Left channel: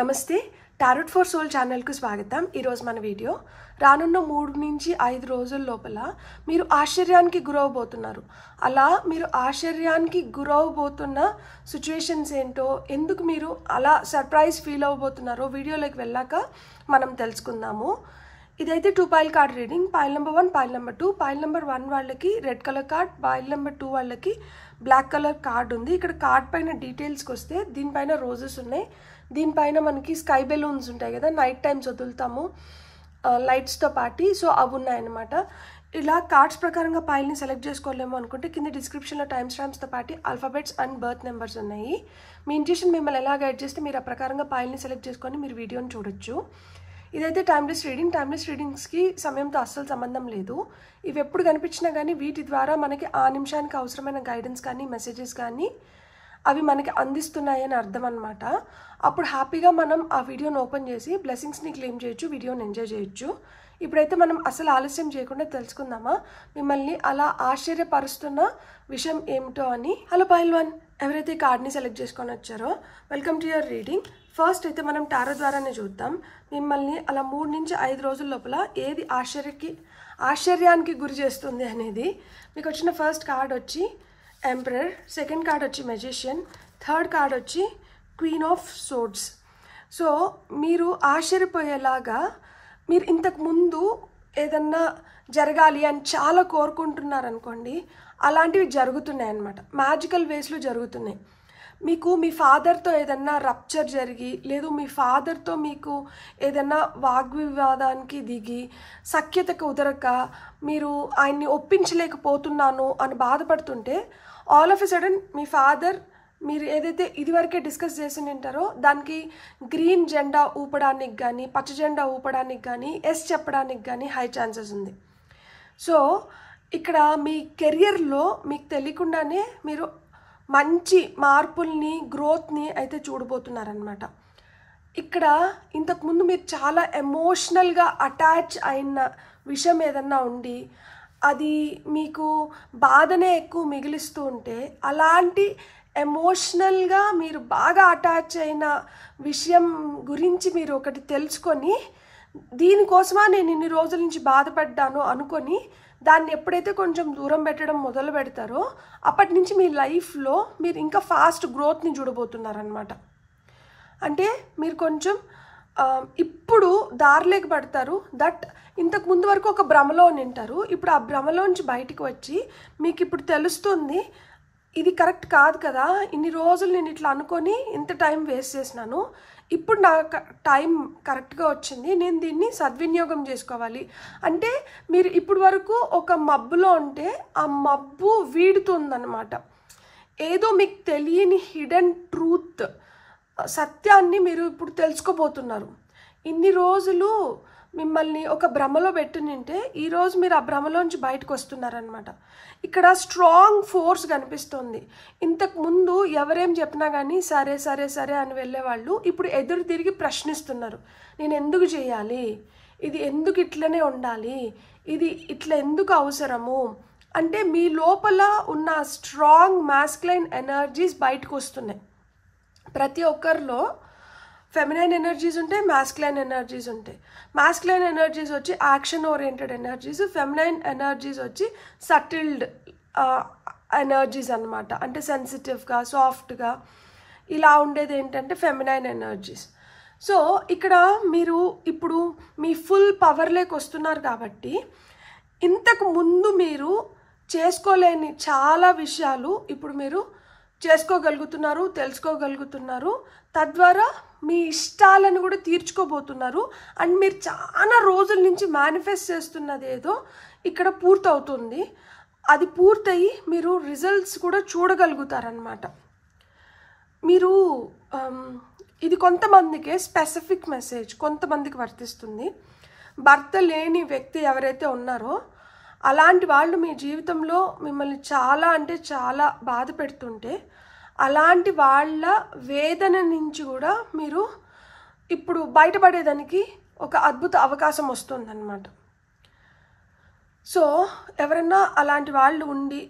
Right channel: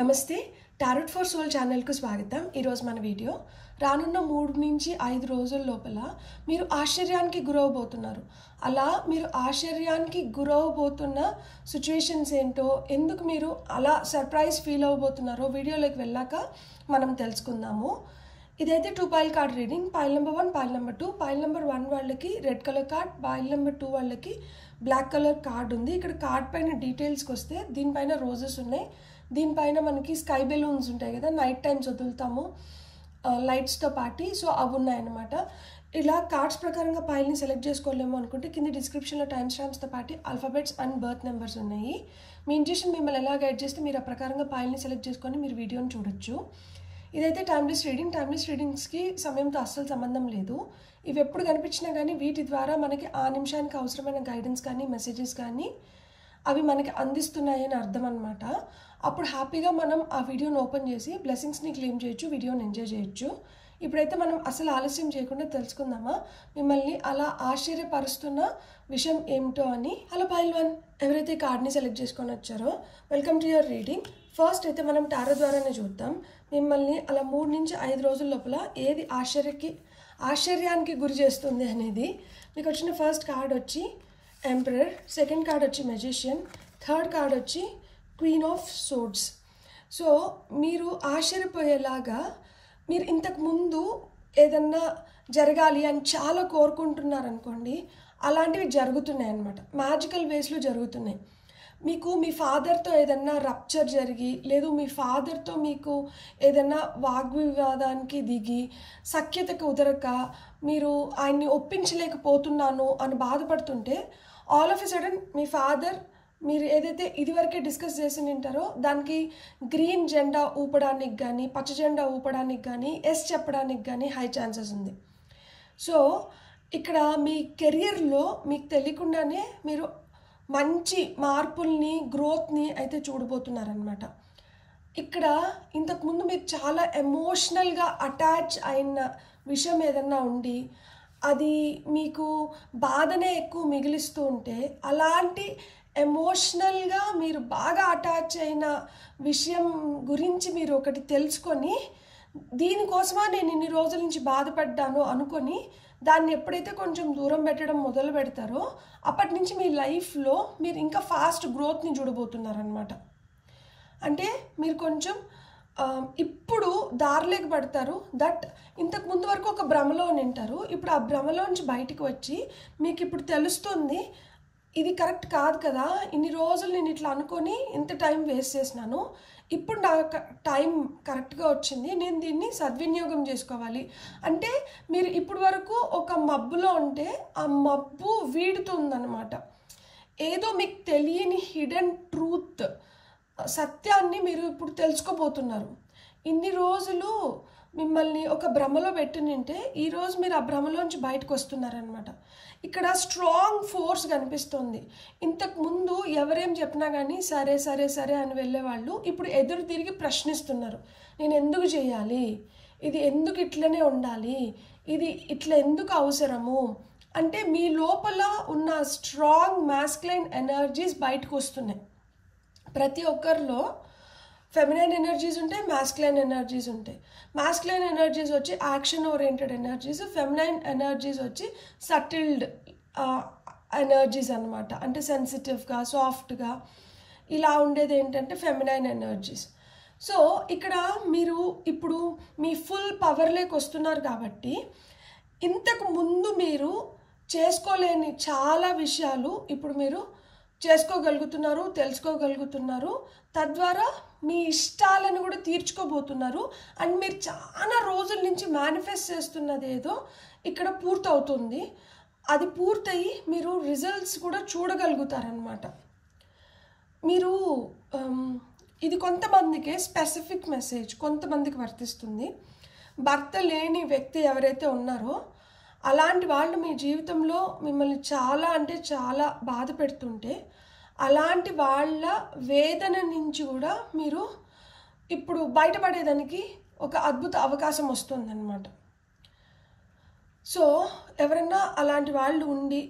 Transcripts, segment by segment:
నమస్తే tarot for soul channel కు స్వాగతం। ఈ రోజు మన వీడియో రానున్న 3 నుంచి 5 రోజుల లోపల మీరు ఆశ్చర్యానికి గురవబోతున్నారు। అలా మీరు ఆశ్చర్యానికి గురవబోతున్న సిచువేషన్స్ ఏంటో, ఎందుకు మీరు అలా సర్ప్రైజ్ ఫీల్ అవబోతున్నారో వీడియోలోకి వెళ్ళాక మనం తెలుసుకుందాము। ఇదైతే 2 pile card reading. Pile number 1, pile number 2। Pile number 1 వాళ్ళకి red colour card, pile number 2 వాళ్ళకి బ్లాక్ కలర్ కార్డ్ ఉంది। ఇక్కడ కార్డ్ పైన డీటెయిల్స్కి వస్తే దీనిపైన రోజెస్ ఉన్నాయి, దీనిపైన మనకి స్కై బెలూన్స్ ఉంటాయి కదా, నైట్ టైమ్స్ వదులుతాము లైట్స్తో పాటి, సో అవి ఉన్నాయన్నమాట। ఇలా కార్డ్స్ ప్రకారంగా పైల్ని సెలెక్ట్ చేసుకోలేము అనుకుంటే కింద డిస్క్రిప్షన్లో టైమ్ స్టాంప్స్తో పాటు ఆల్ఫాబెట్స్ అండ్ బర్త్ నెంబర్స్ ఉన్నాయి। మీ ఇంట్యూషన్ మిమ్మల్ని ఎలా గైడ్ చేస్తే మీరు ఆ ప్రకారంగా పైల్ని సెలెక్ట్ చేసుకొని మీరు వీడియోని చూడొచ్చు। ఇదైతే టైమ్లెస్ రీడింగ్। టైమ్లెస్ రీడింగ్స్కి సమయంతో అస్సలు సంబంధం లేదు। ఇవి ఎప్పుడు కనిపించినా కానీ వీటి ద్వారా మనకి ఆ నిమిషానికి అవసరమైన గైడెన్స్ కానీ మెసేజెస్ కానీ అవి మనకి అందిస్తున్నాయి అని అర్థం అనమాట। అప్పుడు హ్యాపీగా మనం ఆ వీడియోని ఓపెన్ చేసి బ్లెస్సింగ్స్ని క్లెయిమ్ చేయొచ్చు, వీడియోని ఎంజాయ్ చేయొచ్చు। ఇప్పుడైతే మనం అసలు ఆలస్యం చేయకుండా తెలుసుకుందామా మిమ్మల్ని అలా ఆశ్చర్యపరుస్తున్న విషయం ఏమిటో అని। హలో పైల్ 1, ఎవరైతే కార్డ్ని సెలెక్ట్ చేసుకొని వచ్చారో welcome to your reading. First అయితే మనం టారో ద్వారానే చూద్దాం మిమ్మల్ని అలా 3 నుంచి 5 రోజుల లోపల ఏది ఆశ్చర్యానికి గురి చేస్తుంది అనేది। మీకు వచ్చిన ఫస్ట్ కార్డ్ వచ్చి ఎంపరర్, సెకండ్ కార్డ్ వచ్చి మెజిషియన్, థర్డ్ కార్డ్ వచ్చి క్వీన్ ఆఫ్ సోర్డ్స్। సో మీరు ఆశ్చర్యపోయేలాగా మీరు ఇంతకు ముందు ఏదన్నా జరగాలి అని చాలా కోరుకుంటున్నారనుకోండి, అలాంటివి జరుగుతున్నాయి అన్నమాట, మ్యాజికల్ వేస్లో జరుగుతున్నాయి। మీకు మీ ఫాదర్తో ఏదన్నా రప్చర్ జరిగి, లేదు మీ ఫాదర్తో మీకు ఏదన్నా వాగ్వివాదానికి దిగి సఖ్యతకు కుదరక మీరు ఆయన్ని ఒప్పించలేకపోతున్నాను అని బాధపడుతుంటే all of a sudden me father మీరు ఏదైతే ఇదివరకే డిస్కస్ చేసి ఉంటారో దానికి గ్రీన్ జెండా ఊపడానికి కానీ పచ్చ జెండా ఊపడానికి కానీ ఎస్ చెప్పడానికి కానీ హై ఛాన్సెస్ ఉంది। సో ఇక్కడ మీ కెరియర్లో మీకు తెలియకుండానే మీరు మంచి మార్పుల్ని, గ్రోత్ని అయితే చూడబోతున్నారనమాట। ఇక్కడ ఇంతకుముందు మీరు చాలా ఎమోషనల్గా అటాచ్ అయిన విషయం ఏదన్నా ఉండి అది మీకు బాధనే ఎక్కువ మిగిలిస్తూ ఉంటే, అలాంటి ఎమోషనల్గా మీరు బాగా అటాచ్ అయిన విషయం గురించి మీరు ఒకటి తెలుసుకొని దీనికోసమా నేను ఇన్ని రోజుల నుంచి బాధపడ్డాను అనుకొని దాన్ని ఎప్పుడైతే కొంచెం దూరం పెట్టడం మొదలు పెడతారో అప్పటి నుంచి మీ లైఫ్లో మీరు ఇంకా ఫాస్ట్ గ్రోత్ని చూడబోతున్నారనమాట। అంటే మీరు కొంచెం ఇప్పుడు దారిలోకి పడతారు, దట్ ఇంతకు ముందు వరకు ఒక భ్రమలో ఉంటారు, ఇప్పుడు ఆ భ్రమలోంచి బయటికి వచ్చి మీకు ఇప్పుడు తెలుస్తుంది ఇది కరెక్ట్ కాదు కదా, ఇన్ని రోజులు నేను ఇట్లా అనుకొని ఇంత టైం వేస్ట్ చేసినాను, ఇప్పుడు నా టైం కరెక్ట్గా వచ్చింది, నేను దీన్ని సద్వినియోగం చేసుకోవాలి। అంటే మీరు ఇప్పుడు వరకు ఒక మబ్బులో ఉంటే ఆ మబ్బు వీడుతుందన్నమాట, ఏదో మీకు తెలియని హిడెన్ ట్రూత్ సత్యాన్ని మీరు ఇప్పుడు తెలుసుకోబోతున్నారు। ఇన్ని రోజులు మిమ్మల్ని ఒక భ్రమలో పెట్టినింటే ఈరోజు మీరు ఆ భ్రమలోంచి బయటకు వస్తున్నారనమాట। ఇక్కడ స్ట్రాంగ్ ఫోర్స్ కనిపిస్తుంది। ఇంతకు ముందు ఎవరేం చెప్పినా కానీ సరే సరే సరే అని వెళ్ళేవాళ్ళు ఇప్పుడు ఎదురు తిరిగి ప్రశ్నిస్తున్నారు, నేను ఎందుకు చేయాలి, ఇది ఎందుకు ఇట్లనే ఉండాలి, ఇది ఇట్లా ఎందుకు అవసరము అంటే మీ లోపల ఉన్న స్ట్రాంగ్ మాస్కులైన్ ఎనర్జీస్ బయటకు వస్తున్నాయి। ప్రతి ఒక్కరిలో ఫెమినైన్ ఎనర్జీస్ ఉంటాయి, మాస్కులైన్ ఎనర్జీస్ ఉంటాయి। మాస్కులైన్ ఎనర్జీస్ వచ్చి action oriented energies, feminine energies వచ్చి సటిల్డ్ ఎనర్జీస్ అనమాట, అంటే సెన్సిటివ్గా సాఫ్ట్గా ఇలా ఉండేది ఏంటంటే ఫెమినైన్ ఎనర్జీస్। సో ఇక్కడ మీరు ఇప్పుడు మీ ఫుల్ పవర్లోకి వస్తున్నారు కాబట్టి ఇంతకు ముందు మీరు చేసుకోలేని చాలా విషయాలు ఇప్పుడు మీరు చేసుకోగలుగుతున్నారు, తెలుసుకోగలుగుతున్నారు, తద్వారా మీ ఇష్టాలను కూడా తీర్చుకోబోతున్నారు। అండ్ మీరు చాలా రోజుల నుంచి మేనిఫెస్ట్ చేస్తున్నది ఏదో ఇక్కడ పూర్తవుతుంది, అది పూర్తయి మీరు రిజల్ట్స్ కూడా చూడగలుగుతారనమాట। మీరు ఇది కొంతమందికే స్పెసిఫిక్ మెసేజ్, కొంతమందికి వర్తిస్తుంది। భర్త లేని వ్యక్తి ఎవరైతే ఉన్నారో అలాంటి వాళ్ళు మీ జీవితంలో మిమ్మల్ని చాలా అంటే చాలా బాధ పెడుతుంటే అలాంటి వాళ్ళ వేదన నుంచి కూడా మీరు ఇప్పుడు బయటపడేదానికి ఒక అద్భుత అవకాశం వస్తుందన్నమాట। సో ఎవరన్నా అలాంటి వాళ్ళు ఉండి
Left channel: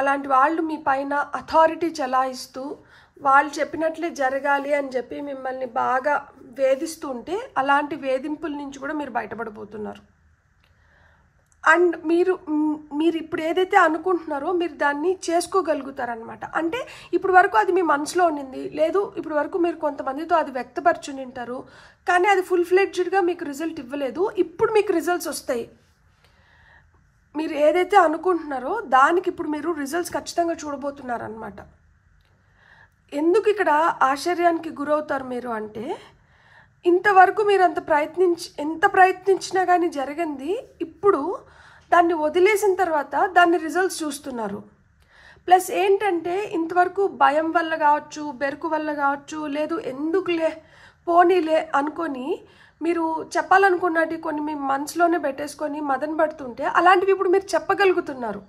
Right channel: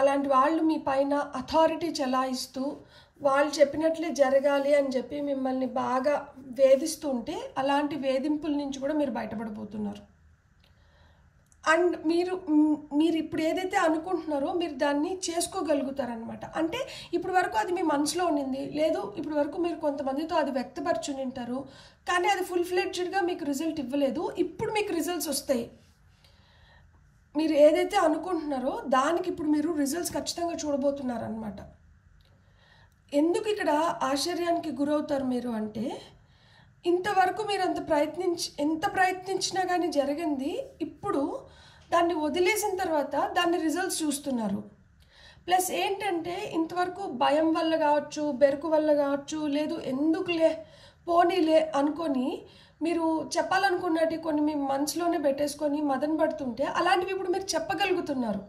అలాంటి వాళ్ళు మీ పైన అథారిటీ చెలాయిస్తూ వాళ్ళు చెప్పినట్లే జరగాలి అని చెప్పి మిమ్మల్ని బాగా వేధిస్తూ ఉంటే అలాంటి వేధింపుల నుంచి కూడా మీరు బయటపడబోతున్నారు. అండ్ మీరు ఇప్పుడు ఏదైతే అనుకుంటున్నారో మీరు దాన్ని చేసుకోగలుగుతారనమాట. అంటే ఇప్పుడు వరకు అది మీ మనసులో ఉండింది, లేదు ఇప్పుడు వరకు మీరు కొంతమందితో అది వ్యక్తపరచుని ఉంటారు, కానీ అది ఫుల్ ఫ్లెడ్జ్డ్గా మీకు రిజల్ట్ ఇవ్వలేదు. ఇప్పుడు మీకు రిజల్ట్స్ వస్తాయి. మీరు ఏదైతే అనుకుంటున్నారో దానికి ఇప్పుడు మీరు రిజల్ట్స్ ఖచ్చితంగా చూడబోతున్నారనమాట. ఎందుకు ఇక్కడ ఆశ్చర్యానికి గురవుతారు మీరు అంటే, ఇంతవరకు మీరు ఎంత ప్రయత్నించినా కానీ జరిగింది, ఇప్పుడు దాన్ని వదిలేసిన తర్వాత దాన్ని రిజల్ట్స్ చూస్తున్నారు. ప్లస్ ఏంటంటే ఇంతవరకు భయం వల్ల కావచ్చు, బెరుకు వల్ల కావచ్చు, లేదు ఎందుకులే పోనీలే అనుకొని మీరు చెప్పాలనుకున్నట్టు కొన్ని మీ మనసులోనే పెట్టేసుకొని మదన పడుతుంటే అలాంటివి ఇప్పుడు మీరు చెప్పగలుగుతున్నారు.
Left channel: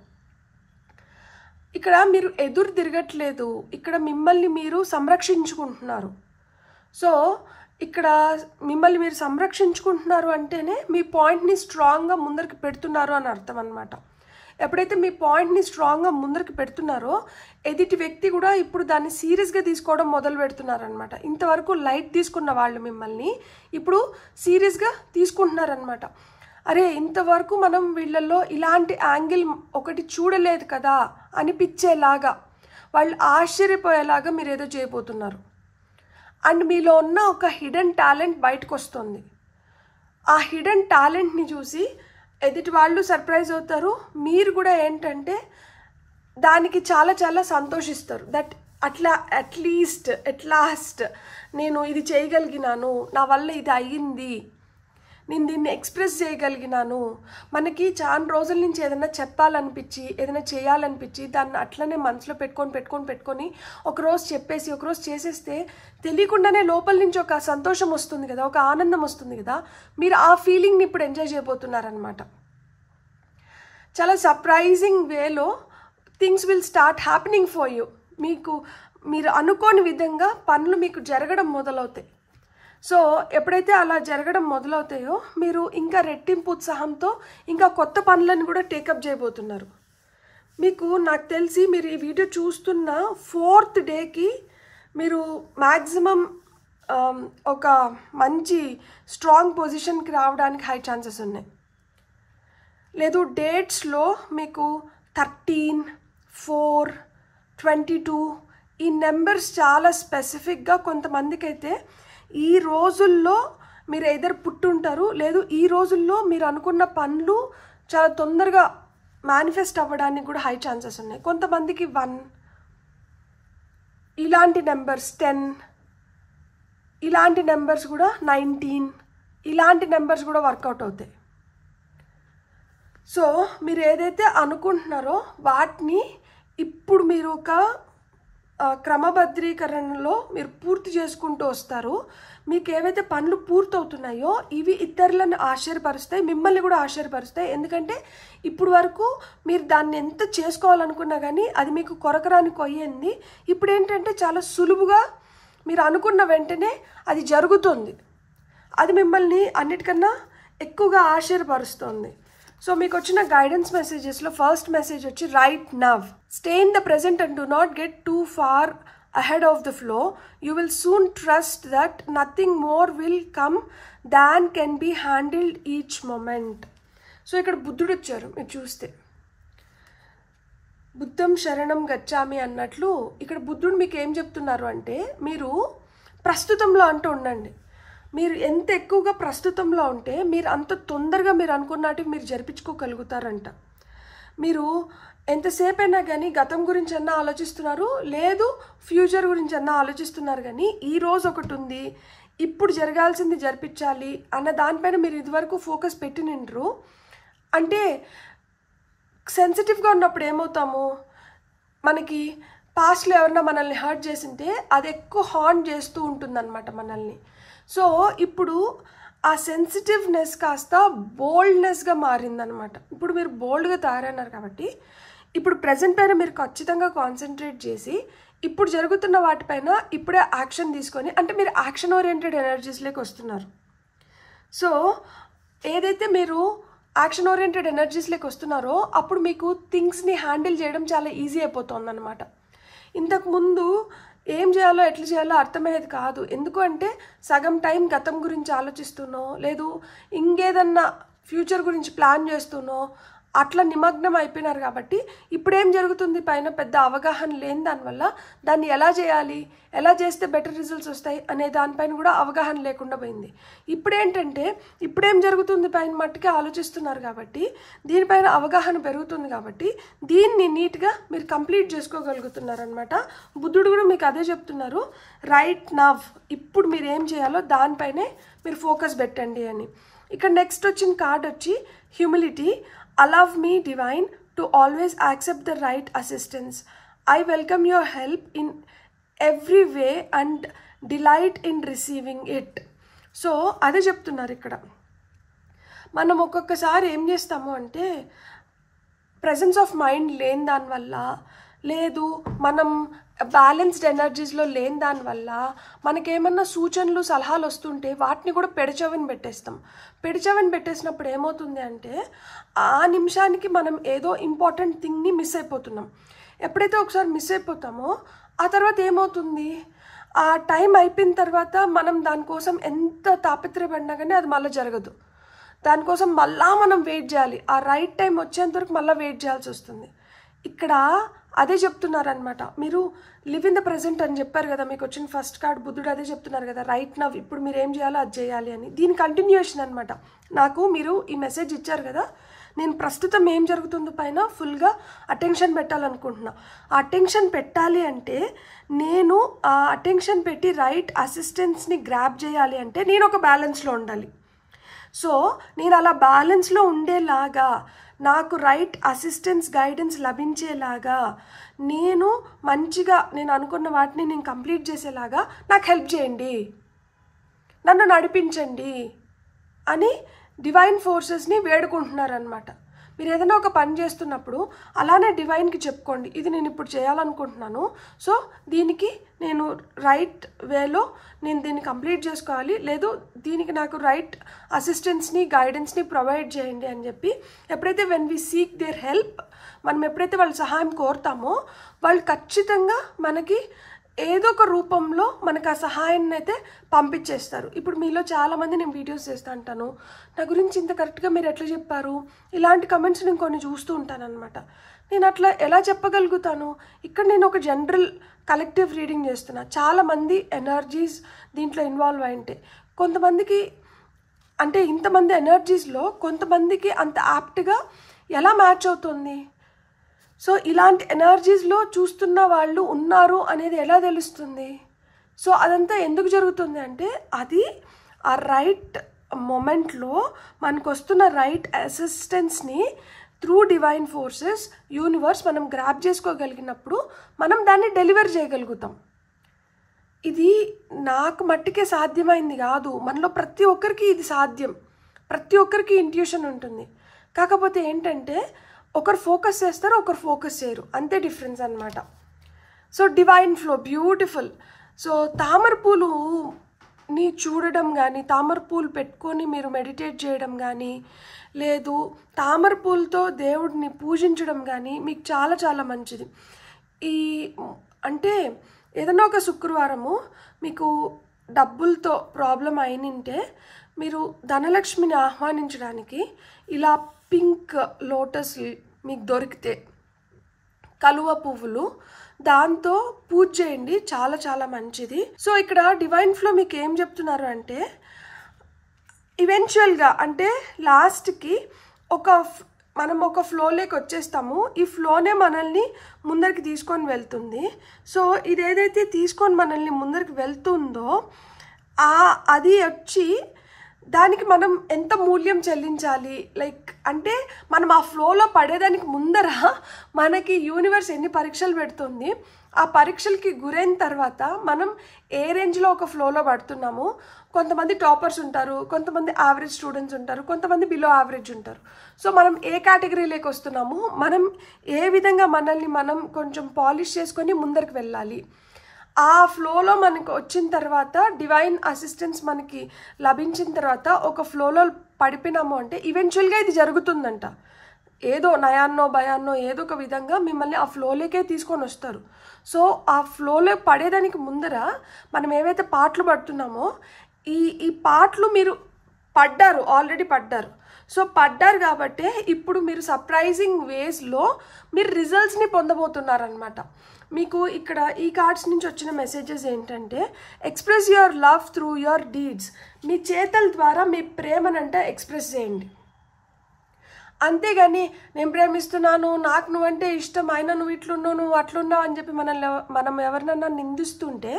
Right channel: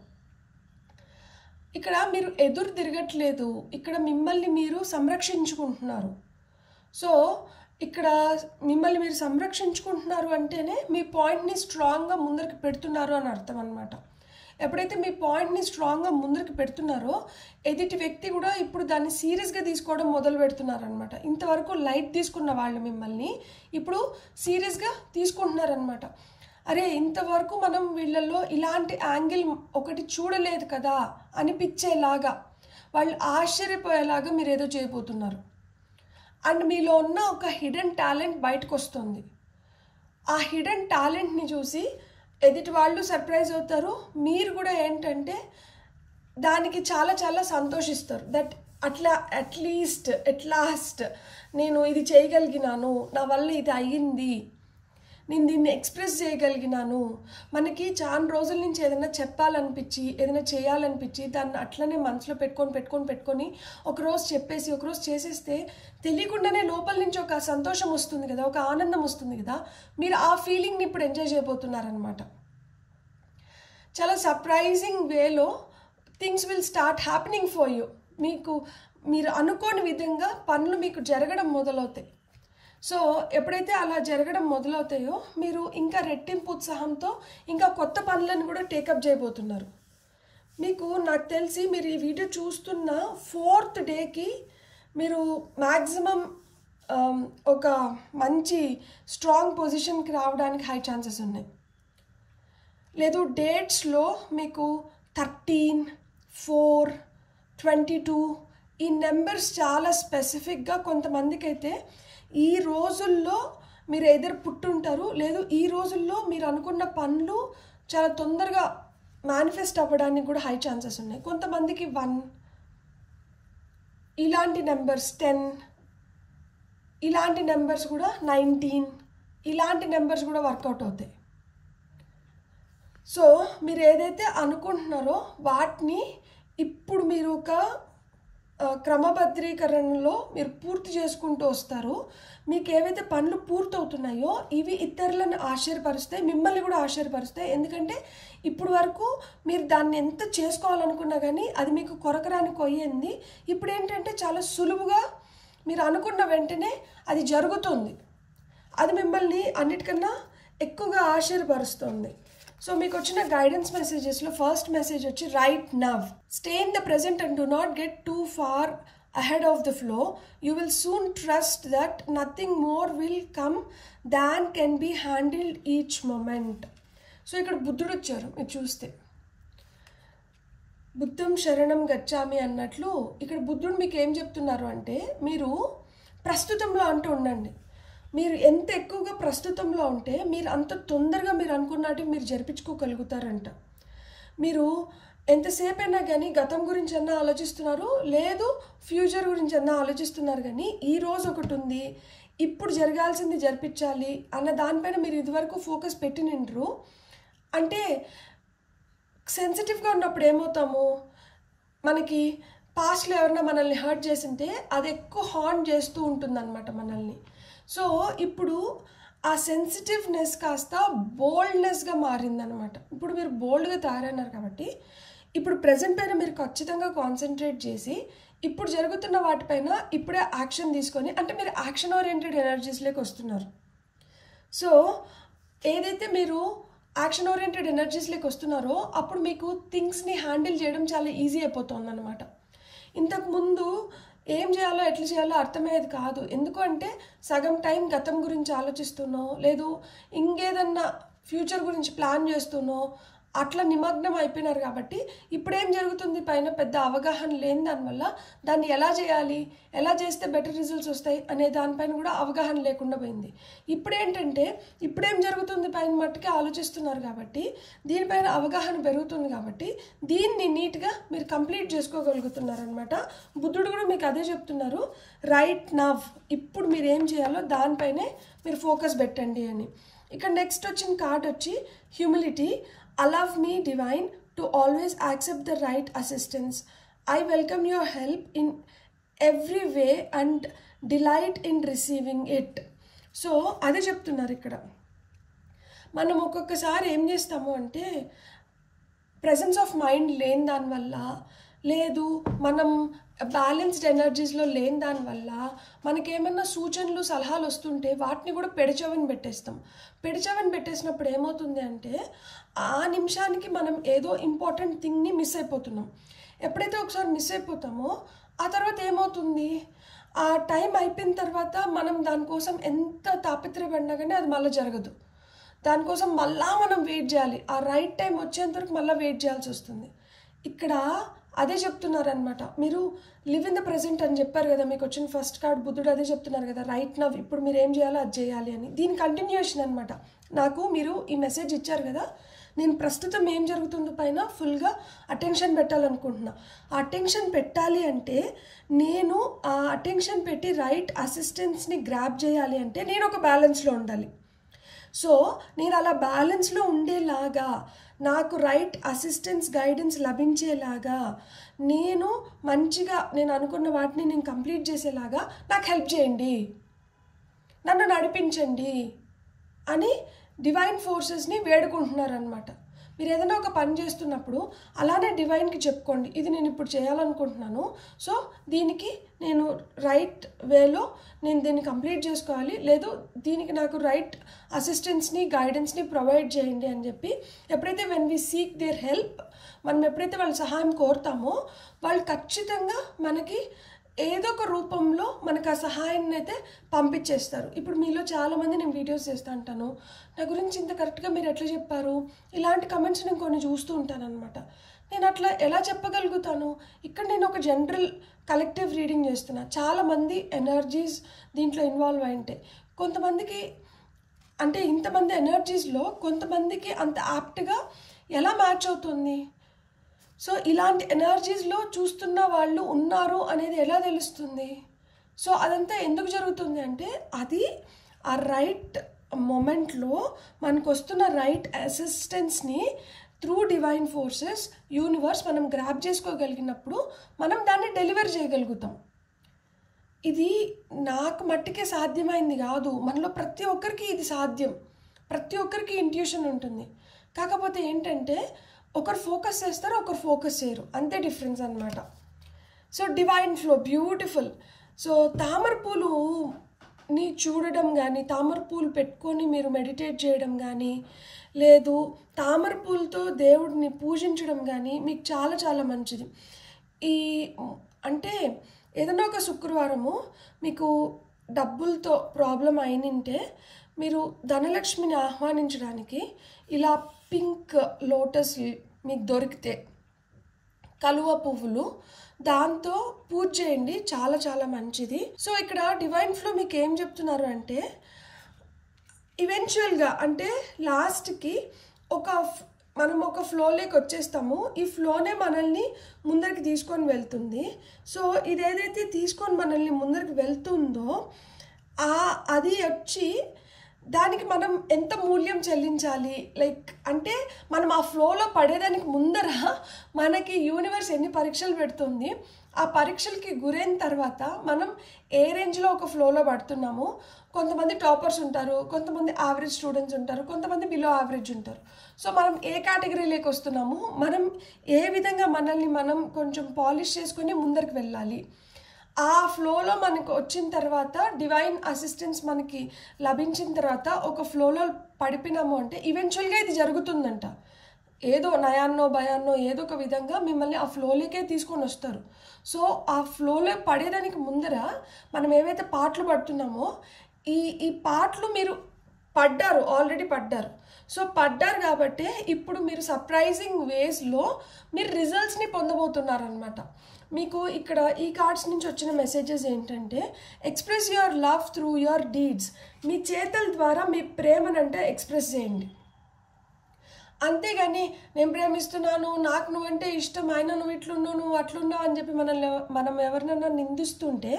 ఇక్కడ మీరు ఎదురు తిరగట్లేదు, ఇక్కడ మిమ్మల్ని మీరు సంరక్షించుకుంటున్నారు. సో ఇక్కడ మిమ్మల్ని మీరు సంరక్షించుకుంటున్నారు అంటేనే మీ పాయింట్ని స్ట్రాంగ్గా ముందరికి పెడుతున్నారు అని అర్థం అనమాట. ఎప్పుడైతే మీ పాయింట్ని స్ట్రాంగ్గా ముందరికి పెడుతున్నారో ఎదుటి వ్యక్తి కూడా ఇప్పుడు దాన్ని సీరియస్గా తీసుకోవడం మొదలు పెడుతున్నారనమాట. ఇంతవరకు లైట్ తీసుకున్న వాళ్ళు మిమ్మల్ని ఇప్పుడు సీరియస్గా తీసుకుంటున్నారనమాట. అరే ఇంతవరకు మనం వీళ్ళల్లో ఇలాంటి యాంగిల్ ఒకటి చూడలేదు కదా అనిపించేలాగా, వాళ్ళు ఆశ్చర్యపోయేలాగా మీరు ఏదో చేయబోతున్నారు. అండ్ మీలో ఉన్న ఒక హిడెన్ టాలెంట్ బయటకు వస్తుంది. ఆ హిడెన్ టాలెంట్ని చూసి ఎదుటి వాళ్ళు సర్ప్రైజ్ అవుతారు, మీరు కూడా ఏంటంటే దానికి చాలా చాలా సంతోషిస్తారు. దట్ అట్ లాస్ట్ నేను ఇది చేయగలిగినాను, నా వల్ల ఇది అయ్యింది, నేను దీన్ని ఎక్స్ప్రెస్ చేయగలిగినాను. మనకి చాలా రోజుల నుంచి ఏదైనా చెప్పాలనిపించి ఏదైనా చేయాలనిపించి దాన్ని అట్లనే మనసులో పెట్టుకొని ఒకరోజు చెప్పేసి ఒకరోజు చేసేస్తే తెలియకుండానే లోపల నుంచి ఒక సంతోషం వస్తుంది కదా, ఒక ఆనందం వస్తుంది కదా. మీరు ఆ ఫీలింగ్ని ఇప్పుడు ఎంజాయ్ చేయబోతున్నారనమాట. చాలా సర్ప్రైజింగ్ వేలో things will start happening for you. మీరు అనుకోని విధంగా పనులు మీకు జరగడం మొదలవుతాయి. సో ఎప్పుడైతే అలా జరగడం మొదలవుతాయో మీరు ఇంకా రెట్టింపు ఉత్సాహంతో ఇంకా కొత్త పనులను కూడా టేకప్ చేయబోతున్నారు. నాకు తెలిసి మీరు ఈ వీడియో చూస్తున్న 4th డేకి మీరు మ్యాక్సిమం ఒక మంచి స్ట్రాంగ్ పొజిషన్కి రావడానికి హై ఛాన్సెస్ ఉన్నాయి. లేదు డేట్స్లో మీకు 13, 4, 22 ఈ నెంబర్స్ చాలా స్పెసిఫిక్గా కొంతమందికి అయితే ఈ రోజుల్లో మీరు ఎదురు పుట్టుంటారు, లేదు ఈ రోజుల్లో మీరు అనుకున్న పనులు చాలా తొందరగా మేనిఫెస్ట్ అవ్వడానికి కూడా హై ఛాన్సెస్ ఉన్నాయి. కొంతమందికి 1 ఇలాంటి నెంబర్స్, 10 ఇలాంటి నెంబర్స్ కూడా, 19 ఇలాంటి నెంబర్స్ కూడా వర్కౌట్ అవుతాయి. సో మీరు ఏదైతే అనుకుంటున్నారో వాటిని ఇప్పుడు మీరు ఒక క్రమబద్ధీకరణలో మీరు పూర్తి చేసుకుంటూ వస్తారు. మీకు ఏవైతే పనులు పూర్తవుతున్నాయో ఇవి ఇతరులను ఆశ్చర్యపరుస్తాయి, మిమ్మల్ని కూడా ఆశ్చర్యపరుస్తాయి. ఎందుకంటే ఇప్పుడు వరకు మీరు దాన్ని ఎంత చేసుకోవాలనుకున్నా కానీ అది మీకు కొరకరాని కొయ్యింది. ఇప్పుడు ఏంటంటే చాలా సులువుగా మీరు అనుకున్న వెంటనే అది జరుగుతుంది. అది మిమ్మల్ని అన్నిటికన్నా ఎక్కువగా ఆశ్చర్యపరుస్తుంది. సో మీకు వచ్చిన గైడెన్స్ మెసేజెస్లో ఫస్ట్ మెసేజ్ వచ్చి right now, stay in the present and do not get too far ahead of the flow. You will soon trust that nothing more will come than can be handled each moment. So ఇక్కడ బుద్ధుడు వచ్చారు. మీరు చూస్తే బుద్ధం శరణం గచ్చామి అన్నట్లు ఇక్కడ బుద్ధుడు మీకు ఏం చెప్తున్నారు అంటే మీరు ప్రస్తుతంలో అంటూ ఉండండి. మీరు ఎంత ఎక్కువగా ప్రస్తుతంలో ఉంటే మీరు అంత తొందరగా మీరు అనుకున్నట్టు మీరు జరిపించుకోగలుగుతారంట. మీరు ఎంతసేపు అయినా కానీ గతం గురించి అన్నా ఆలోచిస్తున్నారు, లేదు ఫ్యూచర్ గురించి అన్నా ఆలోచిస్తున్నారు, కానీ ఈ రోజు ఒకటి ఉంది, ఇప్పుడు జరగాల్సింది జరిపించాలి అన్న దానిపైన మీరు ఇదివరకు ఫోకస్ పెట్టి నిండ్రు. అంటే సెన్సిటివ్గా ఉన్నప్పుడు ఏమవుతాము, మనకి పాస్ట్లో ఎవరన్నా మనల్ని హర్ట్ చేసింటే అది ఎక్కువ హార్న్ చేస్తూ ఉంటుందన్నమాట మనల్ని. సో ఇప్పుడు ఆ సెన్సిటివ్నెస్ కాస్త బోల్డ్నెస్గా మారిందనమాట. ఇప్పుడు మీరు బోల్డ్గా తయారన్నారు కాబట్టి ఇప్పుడు ప్రెజెంట్ పైన మీరు ఖచ్చితంగా కాన్సన్ట్రేట్ చేసి ఇప్పుడు జరుగుతున్న వాటిపైన ఇప్పుడే యాక్షన్ తీసుకొని, అంటే మీరు యాక్షన్ ఓరియంటెడ్ ఎనర్జీస్లోకి వస్తున్నారు. సో ఏదైతే మీరు యాక్షన్ ఓరియంటెడ్ ఎనర్జీస్లోకి వస్తున్నారో అప్పుడు మీకు థింగ్స్ని హ్యాండిల్ చేయడం చాలా ఈజీ అయిపోతుంది అనమాట. ఇంతకుముందు ఏం చేయాలో ఎట్లా చేయాలో అర్థమయ్యేది కాదు. ఎందుకు అంటే సగం టైం గతం గురించి ఆలోచిస్తున్నో, లేదు ఇంకేదన్నా ఫ్యూచర్ గురించి ప్లాన్ చేస్తున్నో అట్లా నిమగ్నం అయిపోయినారు. కాబట్టి ఇప్పుడేం జరుగుతుంది, పైన పెద్ద అవగాహన లేని దానివల్ల దాన్ని ఎలా చేయాలి, ఎలా చేస్తే బెటర్ రిజల్ట్స్ వస్తాయి అనే దానిపైన కూడా అవగాహన లేకుండా పోయింది. ఇప్పుడేంటంటే ఇప్పుడేం జరుగుతుంది పైన మట్టుకే ఆలోచిస్తున్నారు కాబట్టి దీనిపైన అవగాహన పెరుగుతుంది. కాబట్టి దీన్ని నీట్గా మీరు కంప్లీట్ చేసుకోగలుగుతున్నారు అనమాట. బుద్ధుడు కూడా మీకు అదే చెప్తున్నారు, రైట్ నవ్, ఇప్పుడు మీరు ఏం చేయాలో దానిపైనే మీరు ఫోకస్ పెట్టండి అని. ఇక్కడ నెక్స్ట్ వచ్చిన కార్డ్ వచ్చి humility. Allow me, divine, to always accept the right assistance. I welcome your help in every way and delight in receiving it. So అదే చెప్తున్నారు ఇక్కడ. మనం ఒక్కొక్కసారి ఏం చేస్తాము అంటే ప్రెజెన్స్ ఆఫ్ మైండ్ లేని దానివల్ల, లేదు మనం బ్యాలెన్స్డ్ ఎనర్జీస్లో లేని దానివల్ల మనకేమన్నా సూచనలు సలహాలు వస్తుంటే వాటిని కూడా పెడచెవిని పెట్టేస్తాం. పెడచెవిని పెట్టేసినప్పుడు ఏమవుతుంది అంటే ఆ నిమిషానికి మనం ఏదో ఇంపార్టెంట్ థింగ్ని మిస్ అయిపోతున్నాం. ఎప్పుడైతే ఒకసారి మిస్ అయిపోతామో ఆ తర్వాత ఏమవుతుంది, ఆ టైం అయిపోయిన తర్వాత మనం దానికోసం ఎంత తాపత్రయపడినా కానీ అది మళ్ళీ జరగదు. దానికోసం మళ్ళా మనం వెయిట్ చేయాలి. ఆ రైట్ టైం వచ్చేంత వరకు మళ్ళీ వెయిట్ చేయాల్సి వస్తుంది. ఇక్కడ అదే చెప్తున్నారనమాట. మీరు లివ్ ఇన్ ద ప్రెజెంట్ అని చెప్పారు కదా, మీకు వచ్చిన ఫస్ట్ కార్డ్ బుద్ధుడు అదే చెప్తున్నారు కదా, రైట్ నవ్, ఇప్పుడు మీరు ఏం చేయాలో అది చేయాలి అని. దీని కంటిన్యూషన్ అనమాట. నాకు మీరు ఈ మెసేజ్ ఇచ్చారు కదా, నేను ప్రస్తుతం ఏం జరుగుతుందో పైన ఫుల్గా అటెన్షన్ పెట్టాలనుకుంటున్నా. ఆ అటెన్షన్ పెట్టాలి అంటే నేను ఆ అటెన్షన్ పెట్టి రైట్ అసిస్టెన్స్ని గ్రాప్ చేయాలి అంటే నేను ఒక బ్యాలెన్స్లో ఉండాలి. సో నేను అలా బ్యాలెన్స్లో ఉండేలాగా, నాకు రైట్ అసిస్టెన్స్ గైడెన్స్ లభించేలాగా, నేను మంచిగా నేను అనుకున్న వాటిని నేను కంప్లీట్ చేసేలాగా నాకు హెల్ప్ చేయండి, నన్ను నడిపించండి అని డివైన్ ఫోర్సెస్ని వేడుకుంటున్నారనమాట. మీరు ఏదైనా ఒక పని చేస్తున్నప్పుడు అలానే డివైన్కి చెప్పుకోండి, ఇది నేను ఇప్పుడు చేయాలనుకుంటున్నాను, సో దీనికి నేను రైట్ వేలో నేను దీన్ని కంప్లీట్ చేసుకోవాలి, లేదు దీనికి నాకు రైట్ అసిస్టెన్స్ని గైడెన్స్ని ప్రొవైడ్ చేయండి అని చెప్పి ఎప్పుడైతే when we seek their help, మనం ఎప్పుడైతే వాళ్ళ సహాయం కోరుతామో వాళ్ళు ఖచ్చితంగా మనకి ఏదో ఒక రూపంలో మనకు ఆ సహాయాన్ని అయితే పంపించేస్తారు. ఇప్పుడు మీలో చాలామంది నేను వీడియోస్ చేస్తూ ఉంటాను, నా గురించి ఇంత కరెక్ట్గా మీరు ఎట్లా చెప్పారు, ఇలాంటి కమెంట్స్ నేను కొన్ని చూస్తూ ఉంటాను అనమాట. నేను అట్లా ఎలా చెప్పగలుగుతాను? ఇక్కడ నేను ఒక జనరల్ కలెక్టివ్ రీడింగ్ చేస్తున్నా, చాలామంది ఎనర్జీస్ దీంట్లో ఇన్వాల్వ్ అయింటే కొంతమందికి అంటే ఇంతమంది ఎనర్జీస్లో కొంతమందికి అంత యాప్ట్గా ఎలా మ్యాచ్ అవుతుంది. సో ఇలాంటి ఎనర్జీస్లో చూస్తున్న వాళ్ళు ఉన్నారు అనేది ఎలా తెలుస్తుంది? సో అదంతా ఎందుకు జరుగుతుంది అంటే అది ఆ రైట్ మొమెంట్లో మనకు వస్తున్న రైట్ అసిస్టెన్స్ని త్రూ డివైన్ ఫోర్సెస్ యూనివర్స్ మనం గ్రాప్ చేసుకోగలిగినప్పుడు మనం దాన్ని డెలివర్ చేయగలుగుతాం. ఇది నాకు మట్టికే సాధ్యమైంది కాదు, మనలో ప్రతి ఒక్కరికి ఇది సాధ్యం. ప్రతి ఒక్కరికి ఇంట్యూషన్ ఉంటుంది. కాకపోతే ఏంటంటే ఒకరు ఫోకస్ చేస్తారు, ఒకరు ఫోకస్ చేయరు, అంతే డిఫరెన్స్ అనమాట. So divine flow beautiful. So తామర పూలుని చూడడం కానీ, తామర పూలు పెట్టుకొని మీరు మెడిటేట్ చేయడం కానీ, లేదు తామర పూలతో దేవుడిని పూజించడం కానీ మీకు చాలా చాలా మంచిది. ఈ అంటే ఏదైనా ఒక శుక్రవారము మీకు డబ్బులతో ప్రాబ్లం అయినంటే మీరు ధనలక్ష్మిని ఆహ్వానించడానికి ఇలా పింక్ లోటస్ మీకు దొరికితే కలువ పువ్వులు దాంతో పూజ చేయండి, చాలా చాలా మంచిది. సో ఇక్కడ డివైన్ ఫ్లో మీకు ఏం చెప్తున్నారు అంటే ఈవెన్చువల్గా అంటే లాస్ట్కి మనం ఒక ఫ్లోలోకి వచ్చేస్తాము. ఈ ఫ్లోనే మనల్ని ముందరికి తీసుకొని వెళ్తుంది. సో ఇదేదైతే తీసుకొని మనల్ని ముందరికి వెళ్తుందో అది వచ్చి దానికి మనం ఎంత మూల్యం చెల్లించాలి, లైక్ అంటే మనం ఆ ఫ్లోలో పడేదానికి ముందర మనకి యూనివర్స్ ఎన్ని పరీక్షలు పెడుతుంది, ఆ పరీక్షలకి గురైన తర్వాత మనం ఏ రేంజ్లో ఒక ఫ్లోలో పడుతున్నాము. కొంతమంది టాపర్స్ ఉంటారు, కొంతమంది యావరేజ్ స్టూడెంట్స్ ఉంటారు, కొంతమంది బిలో యావరేజ్ ఉంటారు. సో మనం ఏ కేటగిరీలోకి వస్తున్నాము, మనం ఏ విధంగా మనల్ని మనం కొంచెం పాలిష్ చేసుకొని ముందరికి వెళ్ళాలి. ఆ ఫ్లోలో మనకు వచ్చిన తర్వాత డివైన్ అసిస్టెన్స్ మనకి లభించిన తర్వాత ఒక ఫ్లోలో పడిపోయినాము అంటే ఈవెన్చువల్గా ఇది జరుగుతుందంట. ఏదో నయాన్నో భయాన్నో ఏదో ఒక విధంగా మిమ్మల్ని ఆ ఫ్లోలోకే తీసుకొని వస్తారు. సో ఆ ఫ్లోలో పడేదానికి ముందర మనం ఏవైతే పాటలు పడుతున్నామో ఈ పాటలు మీరు పడ్డారు, ఆల్రెడీ పడ్డారు. సో పడ్డారు కాబట్టి ఇప్పుడు మీరు సర్ప్రైజింగ్ వేస్లో మీరు రిజల్ట్స్ని పొందబోతున్నారనమాట. మీకు ఇక్కడ ఈ కార్డ్స్ నుంచి వచ్చిన మెసేజెస్ ఏంటంటే, express your love through your deeds. మీ చేతల ద్వారా మీ ప్రేమనంటే ఎక్స్ప్రెస్ చేయండి. అంతేగాని నేను ప్రేమిస్తున్నాను, నాకు నువ్వంటే ఇష్టం, అయినా నువ్వు ఇట్లున్నావు, నువ్వు అట్లున్నావు అని చెప్పి మనం ఎవరినన్నా నిందిస్తుంటే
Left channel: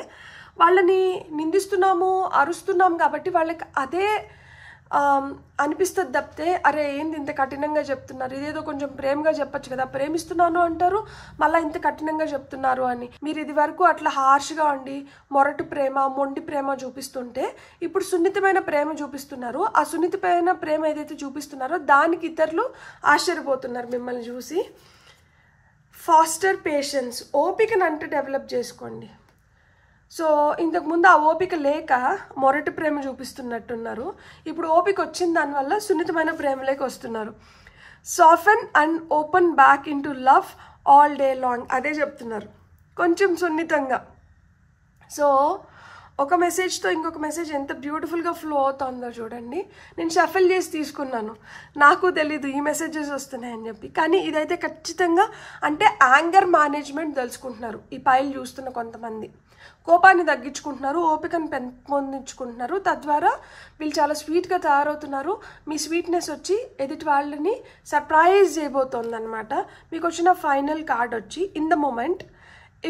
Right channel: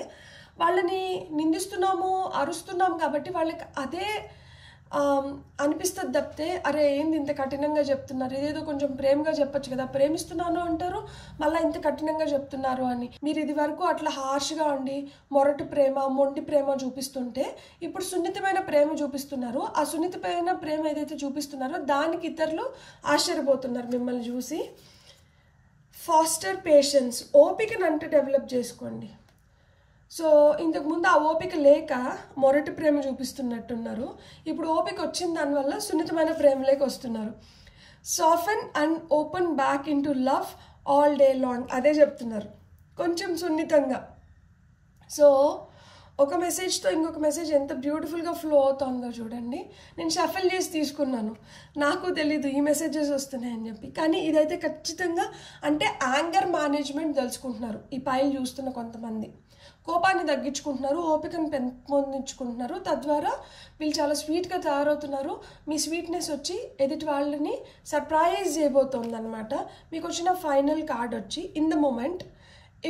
వాళ్ళని నిందిస్తున్నాము, అరుస్తున్నాం కాబట్టి వాళ్ళకి అదే అనిపిస్తుంది తప్పితే, అరే ఏంది ఇంత కఠినంగా చెప్తున్నారు, ఇదేదో కొంచెం ప్రేమగా చెప్పచ్చు కదా, ప్రేమిస్తున్నాను అంటారు మళ్ళీ ఇంత కఠినంగా చెప్తున్నారు అని. మీరు ఇది వరకు అట్లా హార్ష్గా ఉండి మొరటు ప్రేమ, మొండి ప్రేమ చూపిస్తుంటే ఇప్పుడు సున్నితమైన ప్రేమ చూపిస్తున్నారు. ఆ సున్నితమైన ప్రేమ ఏదైతే చూపిస్తున్నారో దానికి ఇతరులు ఆశ్చర్యపోతున్నారు మిమ్మల్ని చూసి. ఫాస్టర్ పేషెన్స్, ఓపికను అంటే డెవలప్ చేసుకోండి. సో ఇంతకుముందు ఆ ఓపిక లేక మొరటి ప్రేమ చూపిస్తున్నట్టున్నారు, ఇప్పుడు ఓపిక వచ్చిన దానివల్ల సున్నితమైన ప్రేమలోకి వస్తున్నారు. Soften and open back into love all day long, అదే చెప్తున్నారు కొంచెం సున్నితంగా. సో ఒక మెసేజ్తో ఇంకొక మెసేజ్ ఎంత బ్యూటిఫుల్గా ఫ్లో అవుతుందో చూడండి. నేను షఫల్ చేసి తీసుకున్నాను, నాకు తెలీదు ఈ మెసేజెస్ వస్తున్నాయని చెప్పి, కానీ ఇదైతే ఖచ్చితంగా అంటే యాంగర్ మేనేజ్మెంట్ తెలుసుకుంటున్నారు ఈ పైలు చూస్తున్న కొంతమంది. కోపాన్ని తగ్గించుకుంటున్నారు, ఓపికను పెంపొందించుకుంటున్నారు, తద్వారా వీళ్ళు చాలా స్వీట్గా తయారవుతున్నారు. మీ స్వీట్నెస్ వచ్చి ఎదుటి వాళ్ళని సర్ప్రైజ్ చేయబోతోంది అనమాట. మీకు వచ్చిన ఫైనల్ కార్డ్ వచ్చి, in the moment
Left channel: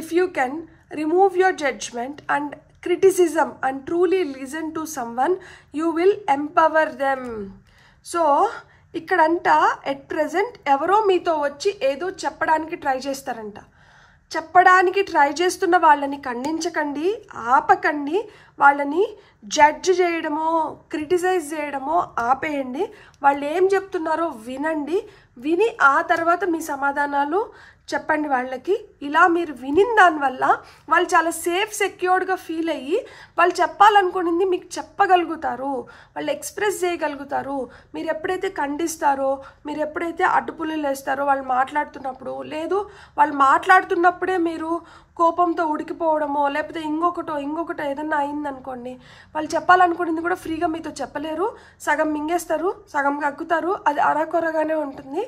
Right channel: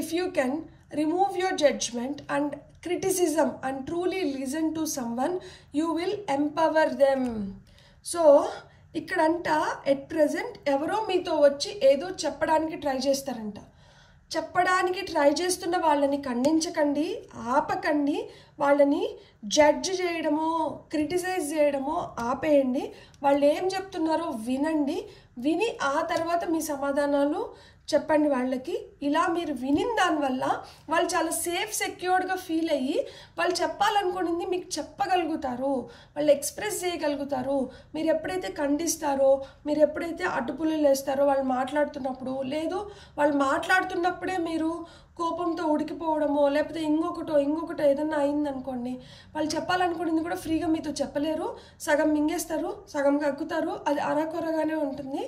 if you can remove your judgement and criticism and truly listen to someone, you will empower them. So ఇక్కడంట ఎట్ ప్రెజెంట్ ఎవరో మీతో వచ్చి ఏదో చెప్పడానికి ట్రై చేస్తారంట. చెప్పడానికి ట్రై చేస్తున్న వాళ్ళని ఖండించకండి, ఆపకండి, వాళ్ళని జడ్జ్ చేయడమో క్రిటిసైజ్ చేయడమో ఆపేయండి. వాళ్ళు ఏం చెప్తున్నారో వినండి, విని ఆ తర్వాత మీ సమాధానాలు చెప్పండి వాళ్ళకి. ఇలా మీరు వినిన దానివల్ల వాళ్ళు చాలా సేఫ్ సెక్యూర్డ్గా ఫీల్ అయ్యి వాళ్ళు చెప్పాలనుకునింది మీకు చెప్పగలుగుతారు, వాళ్ళు ఎక్స్ప్రెస్ చేయగలుగుతారు. మీరు ఎప్పుడైతే ఖండిస్తారో, మీరు ఎప్పుడైతే అడ్డుపుల్లలు వేస్తారో వాళ్ళు మాట్లాడుతున్నప్పుడు, లేదు వాళ్ళు మాట్లాడుతున్నప్పుడే మీరు కోపంతో ఉడికిపోవడమో లేకపోతే ఇంకొకటో ఏదన్నా అయిందనుకోండి, వాళ్ళు చెప్పాలనుకునేది కూడా ఫ్రీగా మీతో చెప్పలేరు, సగం మింగేస్తారు, సగం కక్కుతారు, అది అరాకొరగానే ఉంటుంది.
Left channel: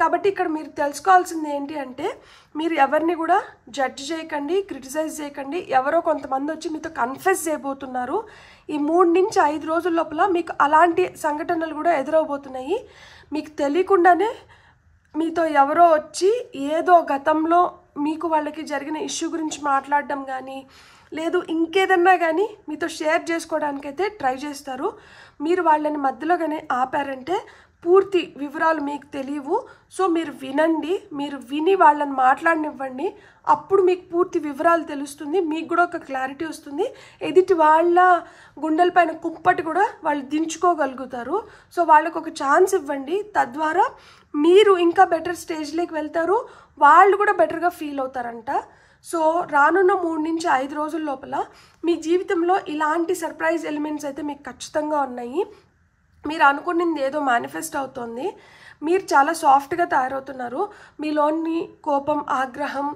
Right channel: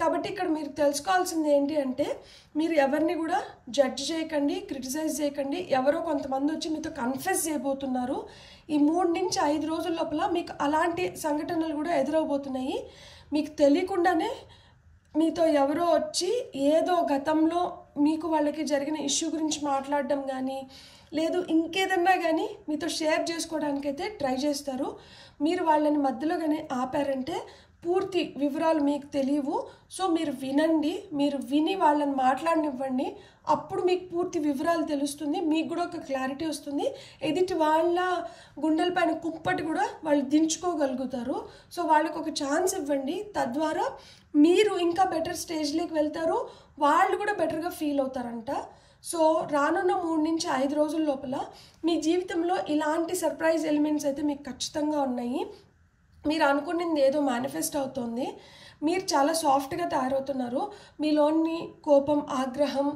కాబట్టి ఇక్కడ మీరు తెలుసుకోవాల్సింది ఏంటి అంటే, మీరు ఎవరిని కూడా జడ్జ్ చేయకండి, క్రిటిసైజ్ చేయకండి. ఎవరో కొంతమంది వచ్చి మీతో కన్ఫెస్ చేయబోతున్నారు. ఈ 3 నుంచి 5 రోజుల లోపల మీకు అలాంటి సంఘటనలు కూడా ఎదురవబోతున్నాయి. మీకు తెలియకుండానే మీతో ఎవరో వచ్చి ఏదో గతంలో మీకు వాళ్ళకి జరిగిన ఇష్యూ గురించి మాట్లాడడం కానీ, లేదు ఇంకేదన్నా కానీ మీతో షేర్ చేసుకోవడానికైతే ట్రై చేస్తారు. మీరు వాళ్ళని మధ్యలో కానీ ఆపారంటే పూర్తి వివరాలు మీకు తెలియవు. సో మీరు వినండి, మీరు విని వాళ్ళని మాట్లాడనివ్వండి, అప్పుడు మీకు పూర్తి వివరాలు తెలుస్తుంది, మీకు కూడా ఒక క్లారిటీ వస్తుంది. ఎదుటి వాళ్ళ గుండెలపైన కుంపటి కూడా వాళ్ళు దించుకోగలుగుతారు. సో వాళ్ళకు ఒక ఛాన్స్ ఇవ్వండి, తద్వారా మీరు ఇంకా బెటర్ స్టేజ్లోకి వెళ్తారు, వాళ్ళు కూడా బెటర్గా ఫీల్ అవుతారంట. సో రానున్న 3 నుంచి 5 రోజుల లోపల మీ జీవితంలో ఇలాంటి సర్ప్రైజ్ ఎలిమెంట్స్ అయితే మీకు ఖచ్చితంగా ఉన్నాయి. మీరు అనుకున్నది ఏదో మేనిఫెస్ట్ అవుతుంది, మీరు చాలా సాఫ్ట్గా తయారవుతున్నారు, మీలోని కోపం, ఆగ్రహం,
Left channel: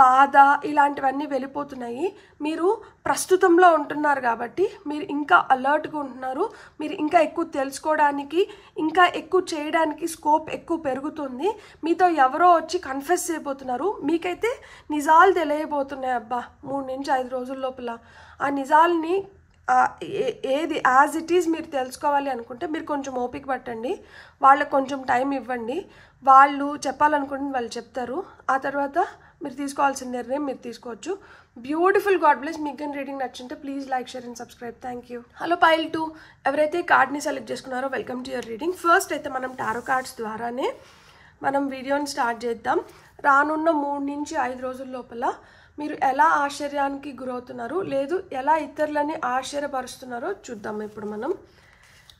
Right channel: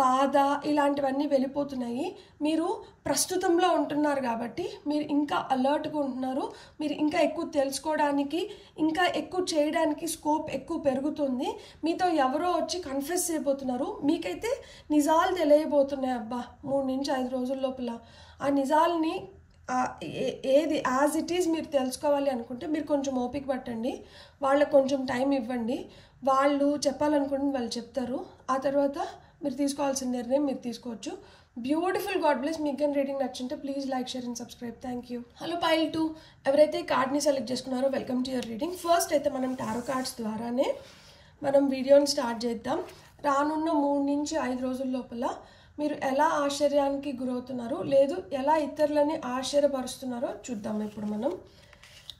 బాధ ఇలాంటివన్నీ వెళ్ళిపోతున్నాయి. మీరు ప్రస్తుతంలో ఉంటున్నారు కాబట్టి మీరు ఇంకా అలర్ట్గా ఉంటున్నారు, మీరు ఇంకా ఎక్కువ తెలుసుకోవడానికి, ఇంకా ఎక్కువ చేయడానికి స్కోప్ ఎక్కువ పెరుగుతుంది. మీతో ఎవరో వచ్చి కన్ఫెస్ చేయబోతున్నారు, మీకైతే నిజాలు తెలియబోతున్నాయి. అబ్బా 3 నుంచి 5 రోజుల లోపల ఆ నిజాలని ఏది యాజ్ ఇట్ ఈజ్ మీరు తెలుసుకోవాలి అనుకుంటే మీరు కొంచెం ఓపిక పట్టండి, వాళ్ళకి కొంచెం టైం ఇవ్వండి, వాళ్ళు చెప్పాలనుకుంటే వాళ్ళు చెప్తారు. ఆ తర్వాత మీరు తీసుకోవాల్సిన నిర్ణయం మీరు తీసుకోవచ్చు. Beautiful, god bless. మీకు కానీ రీడింగ్ నచ్చుంటే please like, share and subscribe. Thank you. Hello pile 2, ఎవరైతే కార్డ్ని సెలెక్ట్ చేసుకున్నారో welcome to your reading. First అయితే మనం టారో కార్డ్స్ ద్వారానే మనం వీడియోని స్టార్ట్ చేద్దాం. రానున్న 3 నుంచి 5 రోజుల లోపల మీరు ఎలా ఆశ్చర్యానికి గురవుతున్నారు, లేదు ఎలా ఇతరులని ఆశ్చర్యపరుస్తున్నారో చూద్దాం. ఇప్పుడు మనం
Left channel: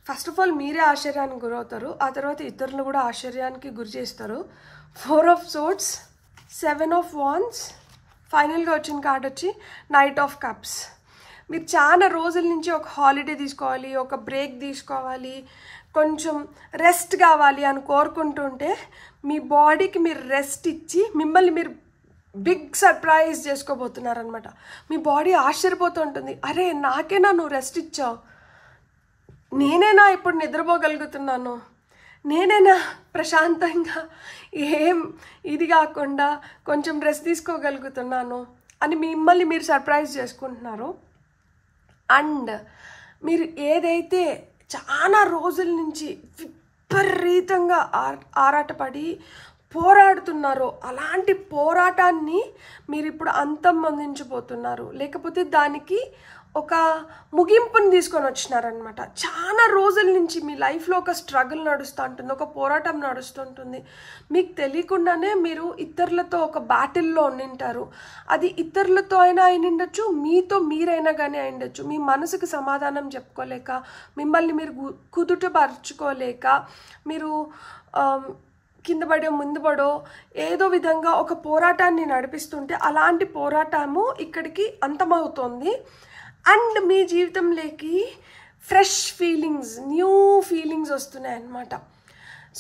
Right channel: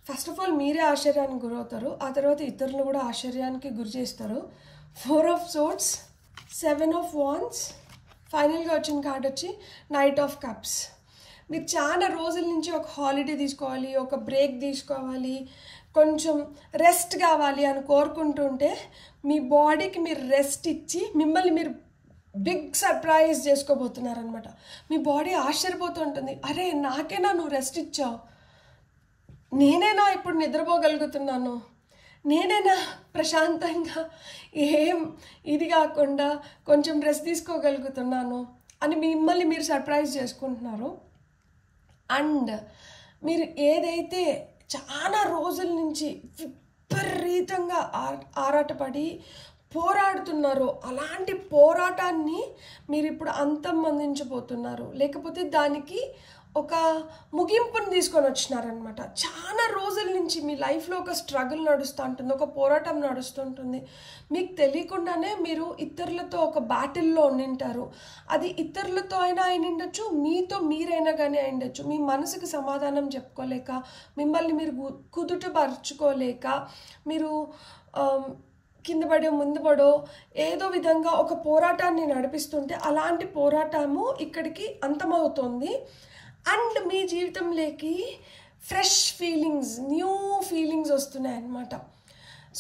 ఫస్ట్ ఆఫ్ ఆల్ మీరే ఆశ్చర్యానికి గురవుతారు, ఆ తర్వాత ఇతరులను కూడా ఆశ్చర్యానికి గురి చేస్తారు. 4 ఆఫ్ సోర్డ్స్, 7 ఆఫ్ వాండ్స్, ఫైనల్గా వచ్చిన కార్డ్ వచ్చి నైట్ ఆఫ్ కప్స్. మీరు చాలా రోజుల నుంచి ఒక హాలిడే తీసుకోవాలి, ఒక బ్రేక్ తీసుకోవాలి, కొంచెం రెస్ట్ కావాలి అని కోరుకుంటుంటే మీ బాడీకి మీరు రెస్ట్ ఇచ్చి మిమ్మల్ని మీరు బిగ్ సర్ప్రైజ్ చేసుకోబోతున్నారనమాట. మీ బాడీ ఆశ్చర్యపోతూ ఉంటుంది, అరే నాకేనా నువ్వు రెస్ట్ ఇచ్చావు, నేనేనా ఇప్పుడు నిద్రపోగలుగుతున్నాను, నేనేనా ప్రశాంతంగా ఏం ఇది కాకుండా కొంచెం రెస్ట్ తీసుకోగలుగుతున్నాను అని మిమ్మల్ని మీరు సర్ప్రైజ్ చేసుకుంటున్నారు. అండ్ మీరు ఏదైతే చాలా రోజుల నుంచి విపరీతంగా ఆరాటపడి పోరాడుతున్నారో అలాంటి పోరాటాన్ని మీరు ఇప్పుడు అంతమొందించబోతున్నారు, లేకపోతే దానికి ఒక ముగింపుని తీసుకొని వచ్చినారనమాట. చాలా రోజుల నుంచి మీ లైఫ్లో ఒక స్ట్రగుల్ నడుస్తూ ఉంటుంది, ఒక పోరాటం నడుస్తుంటుంది. మీకు తెలియకుండానే మీరు ఇతరులతో ఒక బ్యాటిల్లో ఉండింటారు. అది ఇతరులతో అయినా అయినండొచ్చు, మీతో మీరైనా కానీ అయిండొచ్చు. మీ మనసుకు సమాధానం చెప్పుకోలేక, మిమ్మల్ని మీరు కుదుటపరుచుకోలేక, మీరు కింద పడో ముందు పడో ఏదో విధంగా ఒక పోరాటాన్ని నడిపిస్తుంటే అలాంటి పోరాటము ఇక్కడికి అంతమవుతోంది. అండ్ మీ జీవితంలోకి ఫ్రెష్ ఫీలింగ్స్, న్యూ ఫీలింగ్స్ వస్తున్నాయి అన్నమాట.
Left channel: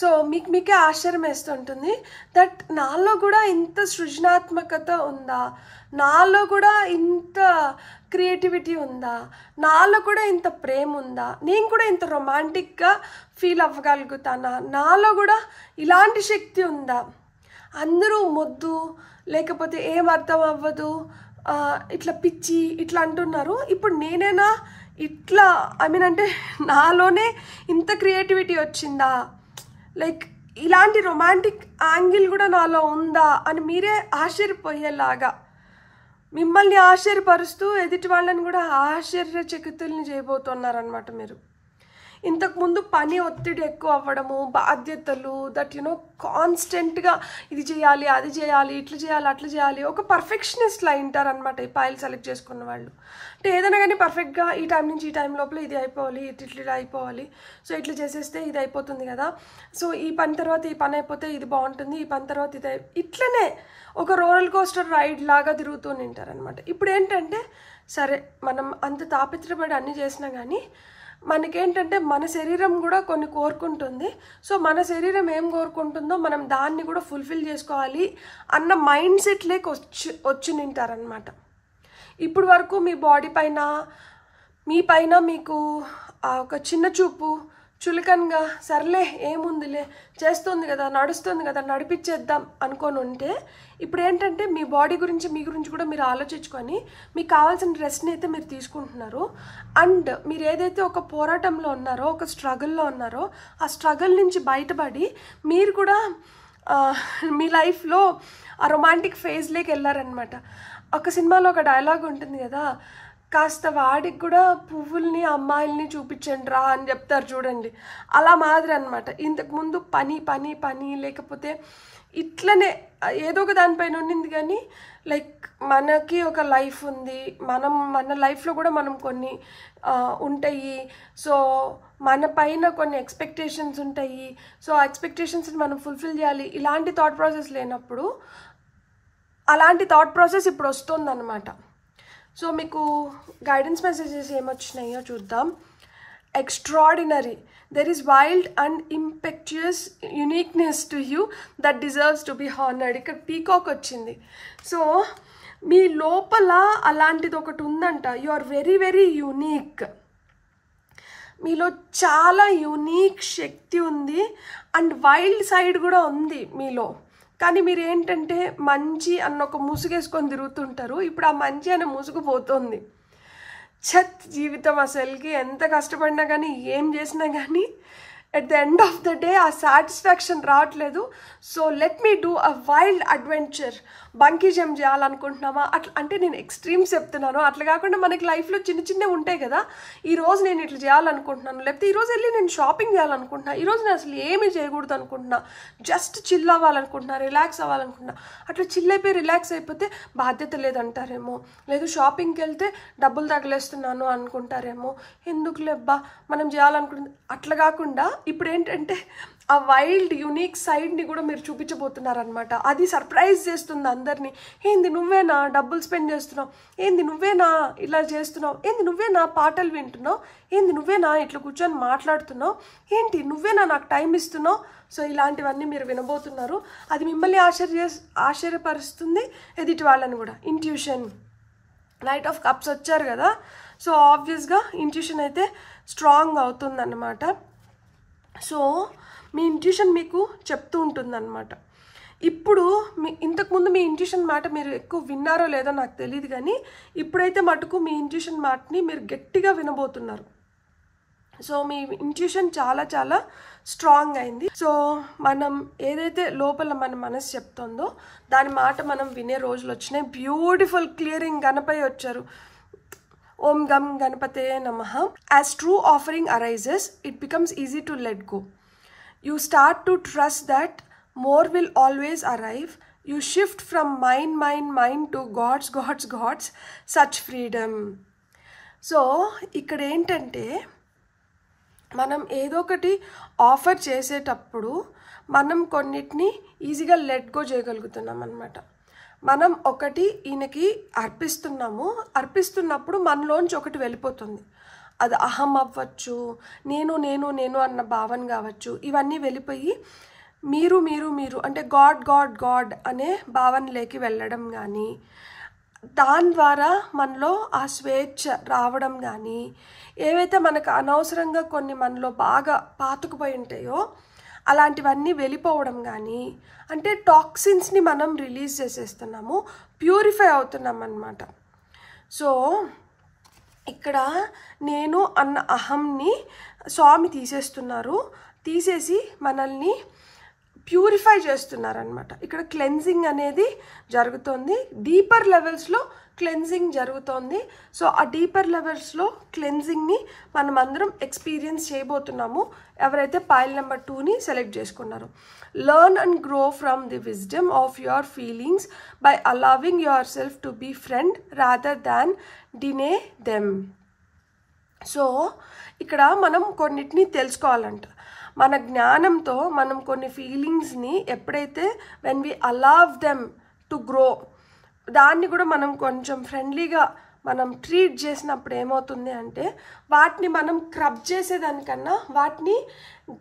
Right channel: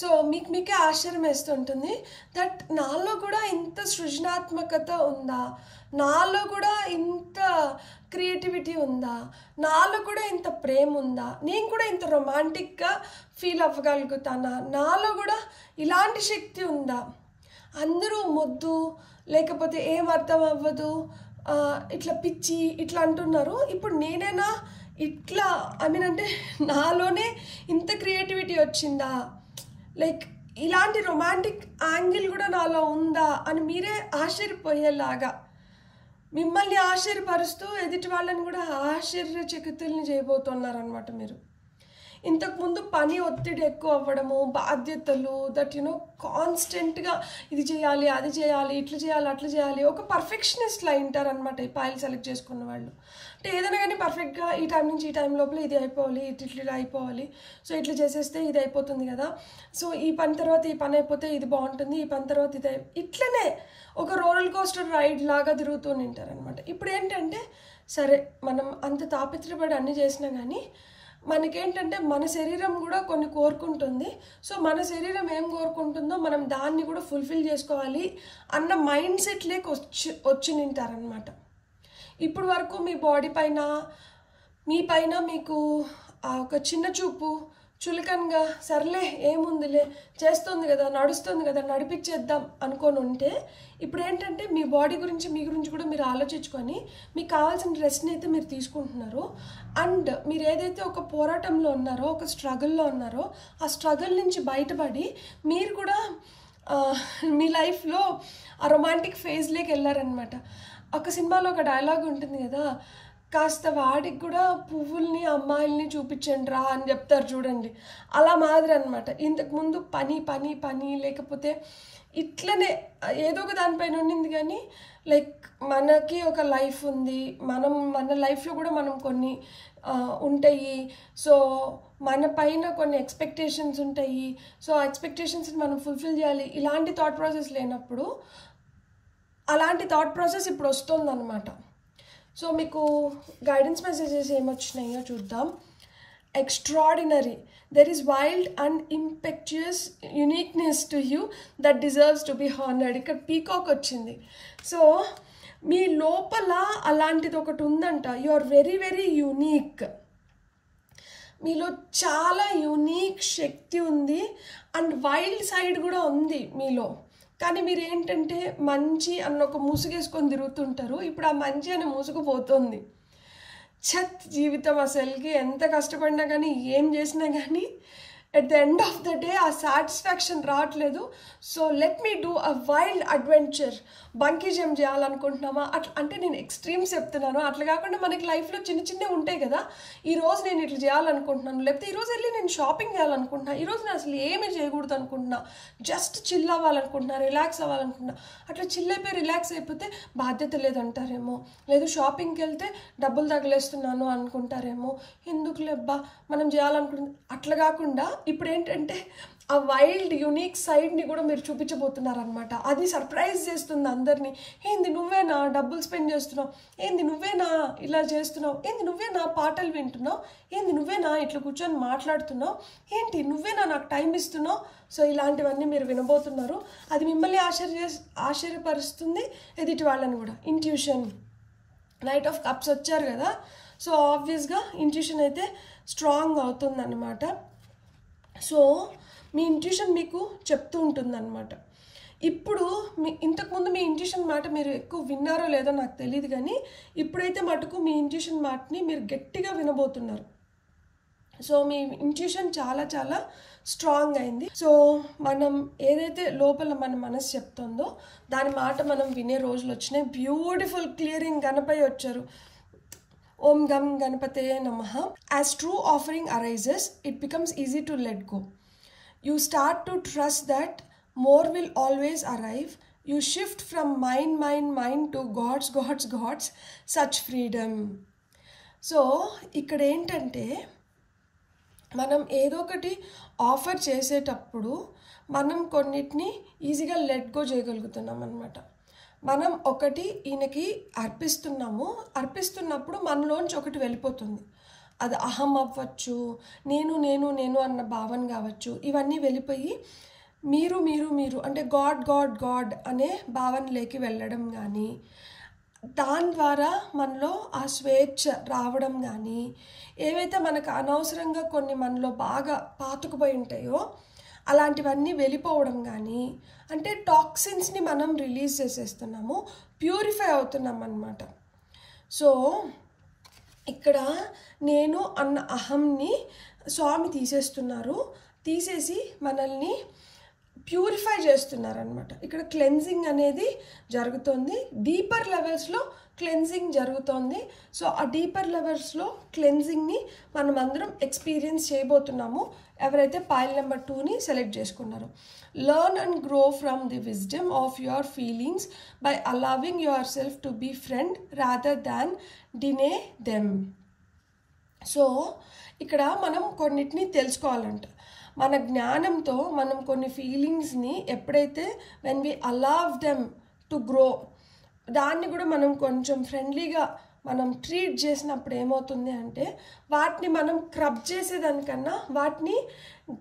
సో మీకే ఆశ్చర్యం వేస్తుంటుంది దట్ నాలో కూడా ఇంత సృజనాత్మకత ఉందా, నాలో కూడా ఇంత క్రియేటివిటీ ఉందా, నాలో కూడా ఇంత ప్రేమ ఉందా, నేను కూడా ఇంత రొమాంటిక్గా ఫీల్ అవ్వగలుగుతానా, నాలో కూడా ఇలాంటి శక్తి ఉందా, అందరూ మొద్దు లేకపోతే ఏం అర్థం అవ్వదు ఇట్లా పిచ్చి ఇట్లా అంటున్నారు, ఇప్పుడు నేనైనా ఇట్లా అంటే నాలోనే ఇంత క్రియేటివిటీ వచ్చిందా, లైక్ ఇలాంటి రొమాంటిక్ యాంగిల్ కూడా నాలో ఉందా అని మీరే ఆశ్చర్యపోయేలాగా మిమ్మల్ని ఆశ్చర్యపరుస్తూ ఎదుటి వాళ్ళని కూడా ఆశ్చర్యచకితుల్ని చేయబోతున్నారనమాట. మీరు ఇంతకుముందు పని ఒత్తిడి ఎక్కువ అవ్వడము, బాధ్యతలు, దట్ కాన్స్టెంట్గా ఇది చేయాలి అది చేయాలి ఇట్లా చేయాలి అట్లా చేయాలి, ఒక పర్ఫెక్షనిస్ట్లా అయింటారనమాట ఈ పాయిల్ సెలెక్ట్ చేసుకున్న వాళ్ళు. అంటే ఏదైనా కానీ పర్ఫెక్ట్గా ఈ టైం నుంచి ఈ టైం లోపల ఇది అయిపోవాలి, ఇట్లా అయిపోవాలి, సో ఇట్లా చేసేస్తే ఇది అయిపోతుంది కదా, సో ఈ పని తర్వాత ఈ పని అయిపోతే ఇది బాగుంటుంది, ఈ పని తర్వాత ఇది ఇట్లనే ఒక రోలర్ కోస్టర్ రైడ్ లాగా తిరుగుతూ ఉంటారనమాట. ఇప్పుడు ఏంటంటే సరే మనం అంత తాపత్రపడి అన్నీ చేసినా కానీ మనకేంటంటే మన శరీరం కూడా కొన్ని కోరుకుంటుంది. సో మన శరీరం ఏం కోరుకుంటుందో మనం దాన్ని కూడా ఫుల్ఫిల్ చేసుకోవాలి అన్న మైండ్ సెట్ లేక వచ్చి నింటారనమాట. ఇప్పుడు వరకు మీ బాడీ పైన మీ పైన మీకు ఒక చిన్న చూపు, చులకనగా సర్లే ఏముందిలే చేస్తుంది కదా నడుస్తుంది కదా నడిపించేద్దాం అనుకొని ఉంటే ఇప్పుడు ఏంటంటే మీ బాడీ గురించి మీ గురించి కూడా మీరు ఆలోచించుకొని మీకు కావాల్సిన రెస్ట్ని అయితే మీరు తీసుకుంటున్నారు. అండ్ మీరు ఏదైతే ఒక పోరాటంలో ఉన్నారో, ఒక స్ట్రగుల్లో ఉన్నారో, ఆ స్ట్రగుల్ నుంచి బయటపడి మీరు కూడా మీ లైఫ్లో ఆ రొమాంటిక్ ఫేజ్లోకి వెళ్ళారనమాట. ఒక సినిమాలో ఒక డైలాగ్ ఉంటుంది కదా, కాస్త వాడికి కూడా పువ్వుల్ని అమ్మాయిల్ని చూపించండి రా అని చెప్తారు చూడండి, అలా మాదిరి అనమాట. ఇంతకుముందు పని పని పని లేకపోతే ఇట్లనే ఏదో ఒక దానిపైన ఉండింది కానీ లైక్ మనకి ఒక లైఫ్ ఉంది, మన లైఫ్లో కూడా మనం కొన్ని ఉంటాయి, సో మన పైన కొన్ని ఎక్స్పెక్టేషన్స్ ఉంటాయి, సో ఆ ఎక్స్పెక్టేషన్స్ని మనం ఫుల్ఫిల్ చేయాలి, ఇలాంటి థాట్ ప్రాసెస్ లేనప్పుడు అలాంటి థాట్ ప్రాసెస్ ఇప్పుడు వస్తుందన్నమాట. సో మీకు గైడెన్స్ మెసేజెస్ ఏమొచ్చినాయో చూద్దాం. Extraordinary, there is wild and impetuous uniqueness to you that deserves to be honored. ఇక్కడ పీకాక్ వచ్చింది. సో మీ లోపల అలాంటిది ఒకటి ఉందంట. You are very very unique. మీలో చాలా యూనిక్ శక్తి ఉంది అండ్ వైల్డ్ సైడ్ కూడా ఉంది మీలో. కానీ మీరు ఏంటంటే మంచి అన్న ఒక ముసుగేసుకొని తిరుగుతుంటారు. ఇప్పుడు ఆ మంచి అనే ముసుగు పోతుంది. జీవితం అసలుకి ఎంత కష్టపడినా కానీ ఏం చేసినా కానీ at the end of the day ఆ సాటిస్ఫాక్షన్ రావట్లేదు. So let me do a wild adventure. Bungee jump చేయాలనుకుంటున్నామా అట్లా, అంటే నేను ఎక్స్ట్రీమ్స్ చెప్తున్నాను. అట్లా కాకుండా మనకి లైఫ్లో చిన్న చిన్నవి ఉంటాయి కదా, ఈరోజు నేను ఇట్లా చేయాలనుకుంటున్నాను, లేకపోతే ఈరోజు వెళ్ళి నేను షాపింగ్ చేయాలనుకుంటున్నా, ఈరోజు నేను అసలు ఏమీ చేయకూడదు అనుకుంటున్నా, జస్ట్ చిల్ అవ్వాలనుకుంటున్నా, రిలాక్స్ అవ్వాలనుకుంటున్నా. అట్లా చిల్ అయిపోయి రిలాక్స్ అయిపోతే బాధ్యత లేదంటారేమో, లేదు షాపింగ్కి వెళ్తే డబ్బులు తగిలేస్తున్నాను అనుకుంటారేమో, ఎందుకు లేబ్బా మనం చేయాలనుకుంటుంది. అట్లా కాకుండా ఇప్పుడు ఏంటంటే ఆ వైల్డ్ యూనిక్ సైడ్ని కూడా మీరు చూపించబోతున్నారనమాట. అది సర్ప్రైజ్ చేస్తుంది అందరినీ. ఏంది నువ్వేనా డబ్బులు స్పెండ్ చేస్తున్నావు, ఏంది నువ్వేనా ఇలా చేస్తున్నావు, ఏంది నువ్వేనా పాటలు వింటున్నావు, ఏంది నువ్వేనా ఇట్లా కూర్చొని మాట్లాడుతున్నావు, ఏంటి నువ్వేనా నాకు టైం ఇస్తున్నావు. సో ఇలాంటివన్నీ మీరు వినబోతున్నారు. అది మిమ్మల్ని ఆశ్చర్యపరుస్తుంది, ఎదుటి వాళ్ళని కూడా. ఇంట్యూషన్, నైట్ ఆఫ్ కప్స్ వచ్చారు కదా, సో ఆబ్వియస్గా ఇంట్యూషన్ అయితే స్ట్రాంగ్ అవుతుందన్నమాట. సో మీ ఇంట్యూషన్ మీకు చెప్తూ ఉంటుందన్నమాట. ఇప్పుడు ఇంతకుముందు మీ ఇంట్యూషన్ మాట మీరు ఎక్కువ విన్నారో లేదో నాకు తెలియదు, కానీ ఇప్పుడైతే మటుకు మీ ఇంట్యూషన్ మాటని మీరు గట్టిగా వినబోతున్నారు. సో మీ ఇంట్యూషన్ చాలా చాలా స్ట్రాంగ్ అయింది. సో మనం ఏదైతే లోపల మన మనసు చెప్తుందో దాని మాట మనం వినే రోజులు వచ్చినాయి. బ్యూటిఫుల్ క్లియరింగ్ గణపతి వచ్చారు. ఓం గం గణపతే నమః. As true offering arises it becomes easy to let go. You start to trust that more will always arrive. You shift from mind to God's, such freedom. So, ఇక్కడ ఏంటంటే మనం ఏదో ఒకటి ఆఫర్ చేసేటప్పుడు మనం కొన్నిటిని ఈజీగా లెట్ గో చేయగలుగుతున్నాం అన్నమాట. మనం ఒకటి ఈయనకి అర్పిస్తున్నప్పుడు మనలోంచి ఒకటి వెళ్ళిపోతుంది. అది అహం అవ్వచ్చు, నేను అన్న భావన కావచ్చు. ఇవన్నీ వెళ్ళిపోయి మీరు అంటే గాడ్ అనే భావనలోకి వెళ్ళడం కానీ, దాని ద్వారా మనలో ఆ స్వేచ్ఛ రావడం కానీ, ఏవైతే మనకు అనవసరంగా కొన్ని మనలో బాగా పాతుకుపోయి ఉంటాయో అలాంటివన్నీ వెళ్ళిపోవడం కానీ, అంటే టాక్సిన్స్ని మనం రిలీజ్ చేసేస్తున్నాము, ప్యూరిఫై అవుతున్నాం అన్నమాట. సో ఇక్కడ నేను అన్న అహంని స్వామి తీసేసి మనల్ని ప్యూరిఫై చేస్తున్నారనమాట. ఇక్కడ క్లెన్జింగ్ అనేది జరుగుతుంది. డీపర్ లెవెల్స్లో క్లెన్జింగ్ జరుగుతోంది. సో ఆ డీపర్ లెవెల్స్లో క్లెన్జింగ్ని మనం అందరం ఎక్స్పీరియన్స్ చేయబోతున్నాము. ఎవరైతే పైల్ నెంబర్ 2ని సెలెక్ట్ చేసుకున్నారో, learn and grow from the wisdom of your feelings by allowing your self to be friend rather than deny them. So ఇక్కడ మనం కొన్నిటిని తెలుసుకోవాలంట. మన జ్ఞానంతో మనం కొన్ని ఫీలింగ్స్ని ఎప్పుడైతే when we allow them to grow, దాన్ని కూడా మనం కొంచెం ఫ్రెండ్లీగా మనం ట్రీట్ చేసినప్పుడు ఏమవుతుంది అంటే వాటిని మనం క్రబ్ చేసేదానికన్నా వాటిని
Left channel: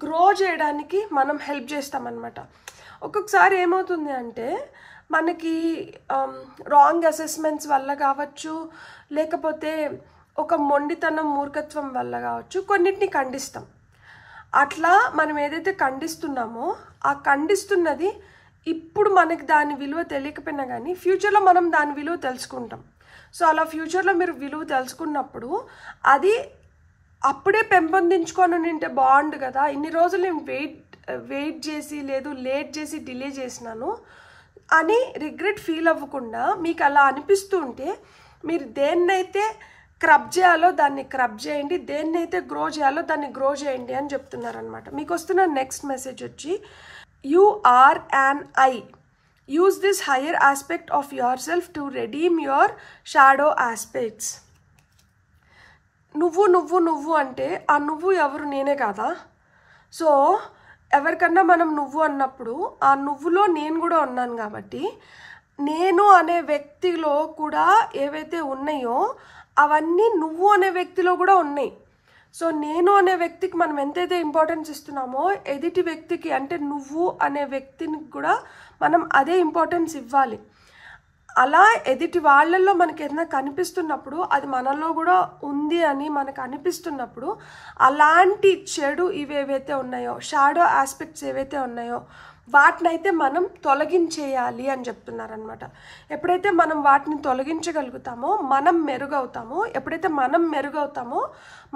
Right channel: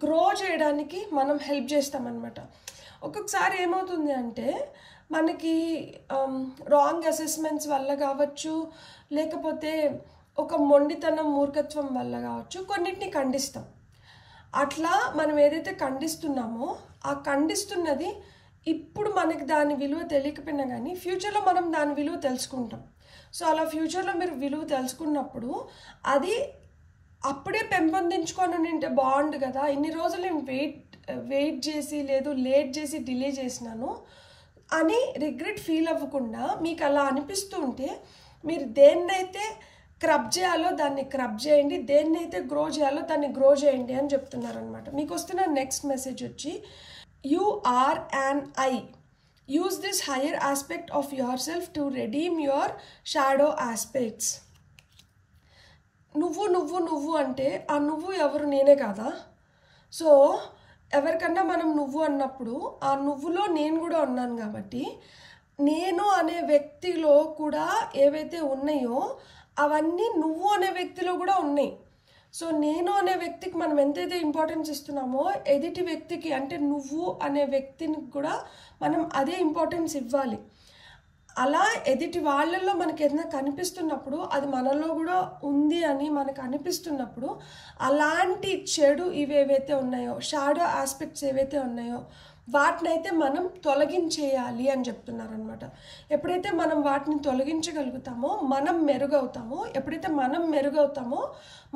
గ్రో చేయడానికి మనం హెల్ప్ చేస్తామన్నమాట. ఒక్కొక్కసారి ఏమవుతుంది అంటే మనకి రాంగ్ అసెస్మెంట్స్ వల్ల కావచ్చు, లేకపోతే ఒక మొండితనం మూర్ఖత్వం వల్ల కావచ్చు, కొన్నిటిని ఖండిస్తాం. అట్లా మనం ఏదైతే ఖండిస్తున్నామో ఆ ఖండిస్తున్నది ఇప్పుడు మనకి దాని విలువ తెలియకపోయినా కానీ ఫ్యూచర్లో మనం దాని విలువ తెలుసుకుంటాం. సో అలా ఫ్యూచర్లో మీరు విలువ తెలుసుకున్నప్పుడు అది అప్పుడే పెంపొందించుకొని ఉంటే బాగుండు కదా, ఇన్ని రోజులు నేను వెయిట్ చేసి లేట్ చేసి డిలే చేసినాను అని రిగ్రెట్ ఫీల్ అవ్వకుండా మీకు అలా అనిపిస్తూ ఉంటే మీరు దేన్నైతే క్రబ్ చేయాలో దాన్ని క్రబ్ చేయండి, దేన్నైతే గ్రో చేయాలో దాన్ని గ్రో చేయండి అని చెప్తున్నారనమాట. మీకు వస్తున్న నెక్స్ట్ మెసేజ్ వచ్చి, you are an I. Use this higher aspect of your self to redeem your shadow aspects. నువ్వు అంటే ఆ నువ్వు ఎవరు? నేనే కాదా? సో ఎవరికన్నా మనం నువ్వు అన్నప్పుడు ఆ నువ్వులో నేను కూడా ఉన్నాను కాబట్టి నేను అనే వ్యక్తిలో కూడా ఏవైతే ఉన్నాయో అవన్నీ నువ్వు అనే వ్యక్తిలో కూడా ఉన్నాయి. సో నేను అనే వ్యక్తికి మనం ఎంతైతే ఇంపార్టెన్స్ ఇస్తున్నామో ఎదుటి వ్యక్తికి అంటే నువ్వు అనే వ్యక్తిని కూడా మనం అదే ఇంపార్టెన్స్ ఇవ్వాలి. అలా ఎదుటి వాళ్ళల్లో మనకి ఏదైనా కనిపిస్తున్నప్పుడు అది మనలో కూడా ఉంది అని మనకు అనిపిస్తున్నప్పుడు అలాంటి చెడు ఇవేవైతే ఉన్నాయో, షాడో ఆస్పెక్ట్స్ ఏవైతే ఉన్నాయో వాటినైతే మనం తొలగించేయాలి అని చెప్తున్నారనమాట. ఎప్పుడైతే మనం వాటిని తొలగించగలుగుతామో మనం మెరుగవుతామో. ఎప్పుడైతే మనం మెరుగవుతామో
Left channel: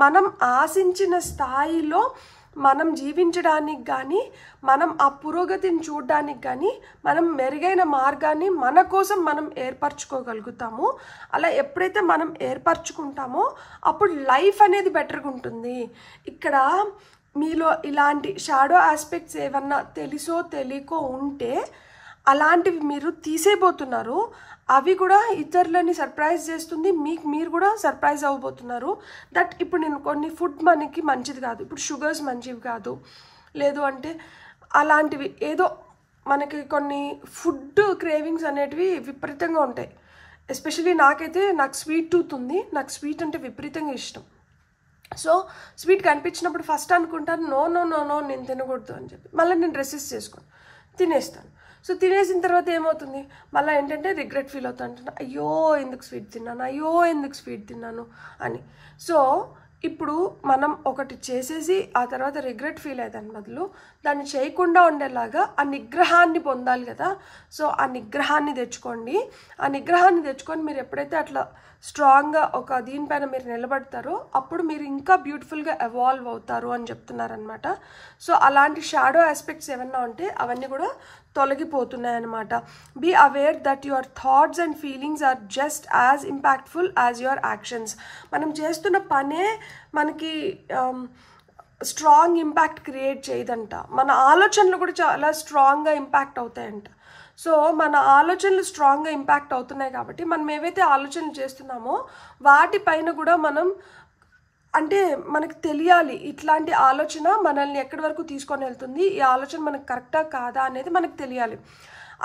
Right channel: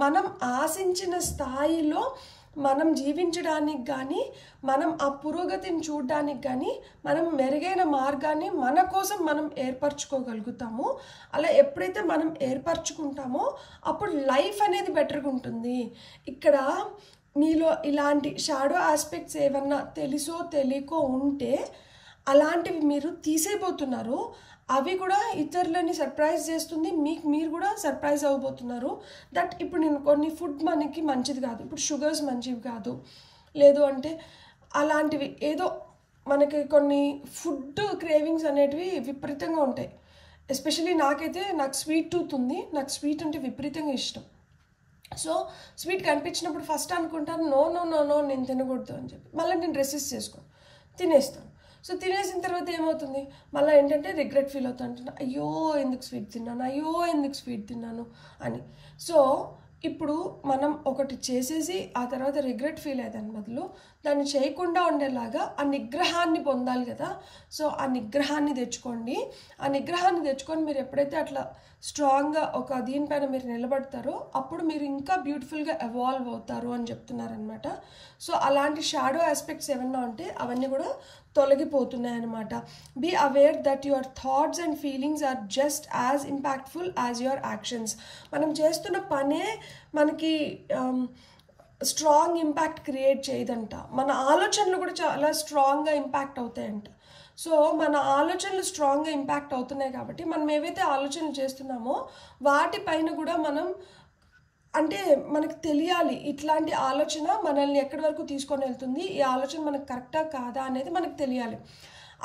మనం ఆశించిన స్థాయిలో మనం జీవించడానికి కానీ మనం ఆ పురోగతిని చూడడానికి కానీ మనం మెరుగైన మార్గాన్ని మన కోసం మనం ఏర్పరచుకోగలుగుతాము. అలా ఎప్పుడైతే మనం ఏర్పరచుకుంటామో అప్పుడు లైఫ్ అనేది బెటర్గా ఉంటుంది. ఇక్కడ మీలో ఇలాంటి షాడో ఆస్పెక్ట్స్ ఏమన్నా తెలుసో తెలియకో ఉంటే అలాంటివి మీరు తీసేయబోతున్నారు. అవి కూడా ఇతరులని సర్ప్రైజ్ చేస్తుంది, మీరు కూడా సర్ప్రైజ్ అవ్వబోతున్నారు. దట్ ఇప్పుడు నేను కొన్ని ఫుడ్ మనకి మంచిది కాదు, ఇప్పుడు షుగర్స్ మంచివి కాదు, లేదు అంటే అలాంటివి ఏదో మనకి కొన్ని ఫుడ్ క్రేవింగ్స్ అనేటివి విపరీతంగా ఉంటాయి. ఎస్పెషలీ నాకు స్వీట్ టూత్ ఉంది, నాకు స్వీట్ అంటే విపరీతంగా ఇష్టం. సో స్వీట్ కనిపించినప్పుడు ఫస్ట్ అనుకుంటాను నో నో నో నో నేను తినకూడదు అని చెప్పి, మళ్ళీ నేను రెసిస్ట్ చేసుకొని తినేస్తాను. సో తినేసిన తర్వాత ఏమవుతుంది, మళ్ళీ ఏంటంటే రిగ్రెట్ ఫీల్ అవుతాను, అయ్యో ఎందుకు స్వీట్ తిన్నాను అని. సో ఇప్పుడు మనం ఒకటి చేసేసి ఆ తర్వాత రిగ్రెట్ ఫీల్ అయ్యేదాని బదులు దాన్ని చేయకుండా ఉండేలాగా ఆ నిగ్రహాన్ని పొందాలి కదా. సో ఆ నిగ్రహాన్ని తెచ్చుకోండి. ఆ నిగ్రహాన్ని తెచ్చుకొని మీరు ఎప్పుడైతే అట్లా స్ట్రాంగ్గా ఒక దీనిపైన మీరు నిలబడతారో అప్పుడు మీరు ఇంకా బ్యూటిఫుల్గా ఎవాల్వ్ అవుతారు అని చెప్తున్నారనమాట. సో అలాంటి షాడో ఆస్పెక్ట్స్ ఏమన్నా ఉంటే అవన్నీ కూడా తొలగిపోతున్నాయి అనమాట. Be aware that your thoughts and feelings are just as impactful as your actions. మనం చేస్తున్న పనే మనకి స్ట్రాంగ్ ఇంపాక్ట్ క్రియేట్ చేయదంట, మన ఆలోచనలు కూడా చాలా స్ట్రాంగ్గా ఇంపాక్ట్ అవుతాయంట. సో మన ఆలోచనలు స్ట్రాంగ్గా ఇంపాక్ట్ అవుతున్నాయి కాబట్టి మనం ఏవైతే ఆలోచనలు చేస్తున్నామో వాటిపైన కూడా మనం అంటే మనకు తెలియాలి ఇట్లాంటి ఆలోచన మనల్ని ఎక్కడి వరకు తీసుకొని వెళ్తుంది, ఈ ఆలోచన మనకు కరెక్టా కాదా అనేది మనకు తెలియాలి.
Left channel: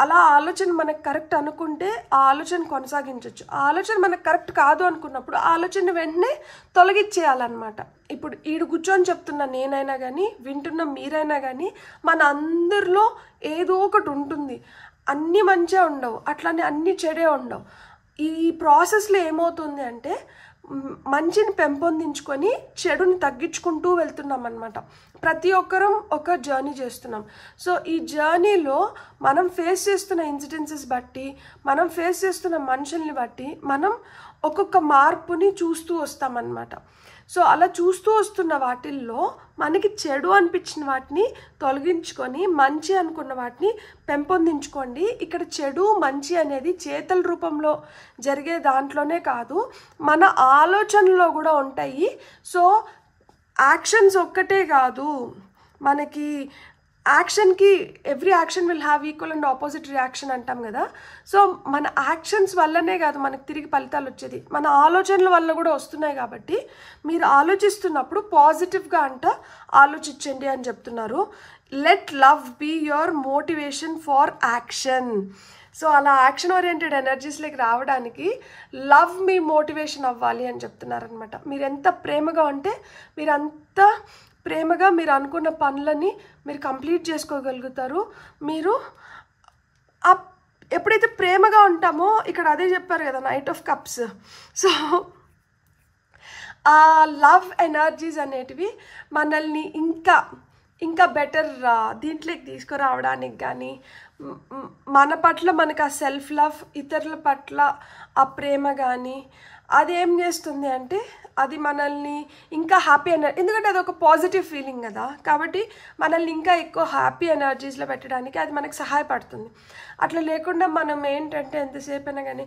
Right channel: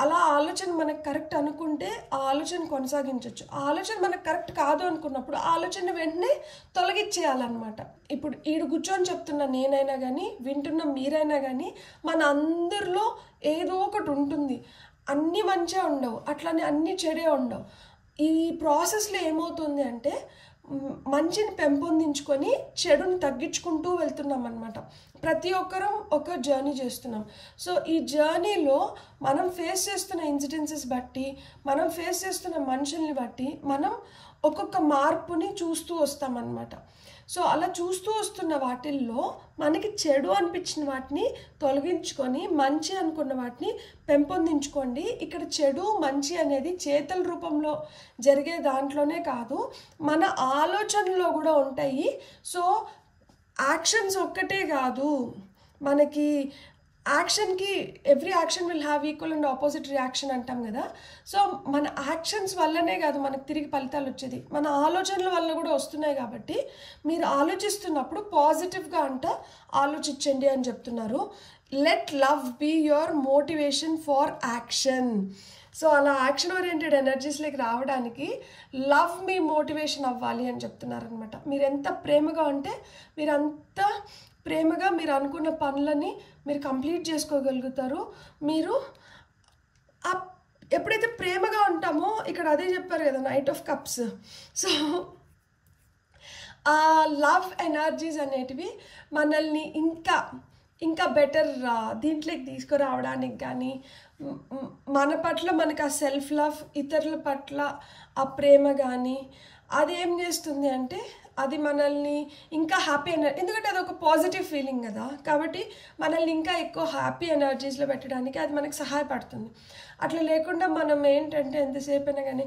అలా ఆలోచన మనకు కరెక్ట్ అనుకుంటే ఆ ఆలోచన కొనసాగించవచ్చు. ఆ ఆలోచన మనకు కరెక్ట్ కాదు అనుకున్నప్పుడు ఆ ఆలోచన వెంటనే తొలగించేయాలన్నమాట. ఇప్పుడు ఈడు కూర్చొని చెప్తున్న నేనైనా కానీ వింటున్న మీరైనా కానీ మన అందరిలో ఏదో ఒకటి ఉంటుంది. అన్నీ మంచిగా ఉండవు, అట్లానే అన్నీ చెడే ఉండవు. ఈ ప్రాసెస్లో ఏమవుతుంది అంటే మంచిని పెంపొందించుకొని చెడుని తగ్గించుకుంటూ వెళ్తున్నాం అనమాట. ప్రతి ఒక్కరం ఒక జర్నీ చేస్తున్నాం. సో ఈ జర్నీలో మనం ఫేస్ చేస్తున్న ఇన్సిడెన్సెస్ బట్టి, మనం ఫేస్ చేస్తున్న మనుషుల్ని బట్టి మనం ఒక్కొక్క మార్పుని చూస్తూ వస్తామన్నమాట. సో అలా చూస్తూ వస్తున్న వాటిల్లో మనకి చెడు అనిపించిన వాటిని తొలగించుకొని మంచి అనుకున్న వాటిని పెంపొందించుకోండి. ఇక్కడ చెడు మంచి అనేది చేతల రూపంలో జరిగే దాంట్లోనే కాదు, మన ఆలోచనలో కూడా ఉంటాయి. సో యాక్షన్స్ ఒక్కటే కాదు, మనకి యాక్షన్కి every action will have equal and opposite reaction అంటాం కదా. సో మన యాక్షన్స్ వల్లనే కాదు మనకు తిరిగి ఫలితాలు వచ్చేది, మన ఆలోచనల వల్ల కూడా వస్తున్నాయి. కాబట్టి మీరు ఆలోచిస్తున్నప్పుడు పాజిటివ్గా ఆలోచించండి అని చెప్తున్నారు. Let love be your motivation for action. So అలా యాక్షన్ ఓరియంటెడ్ ఎనర్జీస్లోకి రావడానికి లవ్ మీ మోటివేషన్ అవ్వాలి అని చెప్తున్నారనమాట. మీరు ఎంత ప్రేమగా ఉంటే మీరంత ప్రేమగా మీరు అనుకున్న పనులని మీరు కంప్లీట్ చేసుకోగలుగుతారు. మీరు ఎప్పుడైతే ప్రేమగా ఉంటామో ఇక్కడ అదే చెప్పారు కదా నైట్ ఆఫ్ కప్స్. సో ఆ లవ్ ఎనర్జీస్ అనేటివి మనల్ని ఇంకా బెటర్ దీంట్లోకి తీసుకురావడానికి కానీ, మన పట్ల మనకు ఆ సెల్ఫ్ లవ్, ఇతరుల పట్ల ఆ ప్రేమ కానీ అదేం చేస్తుంది అంటే అది మనల్ని ఇంకా హ్యాపీ ఎందుకంటే అది ఒక పాజిటివ్ ఫీలింగ్ కదా, కాబట్టి మనల్ని ఇంకా ఎక్కువ హ్యాపీ ఎనర్జీస్లో పెట్టడానికి అది మనకు సహాయపడుతుంది. అట్లా లేకుండా మనం ఏంటంటే ఎంతసేపు అయినా కానీ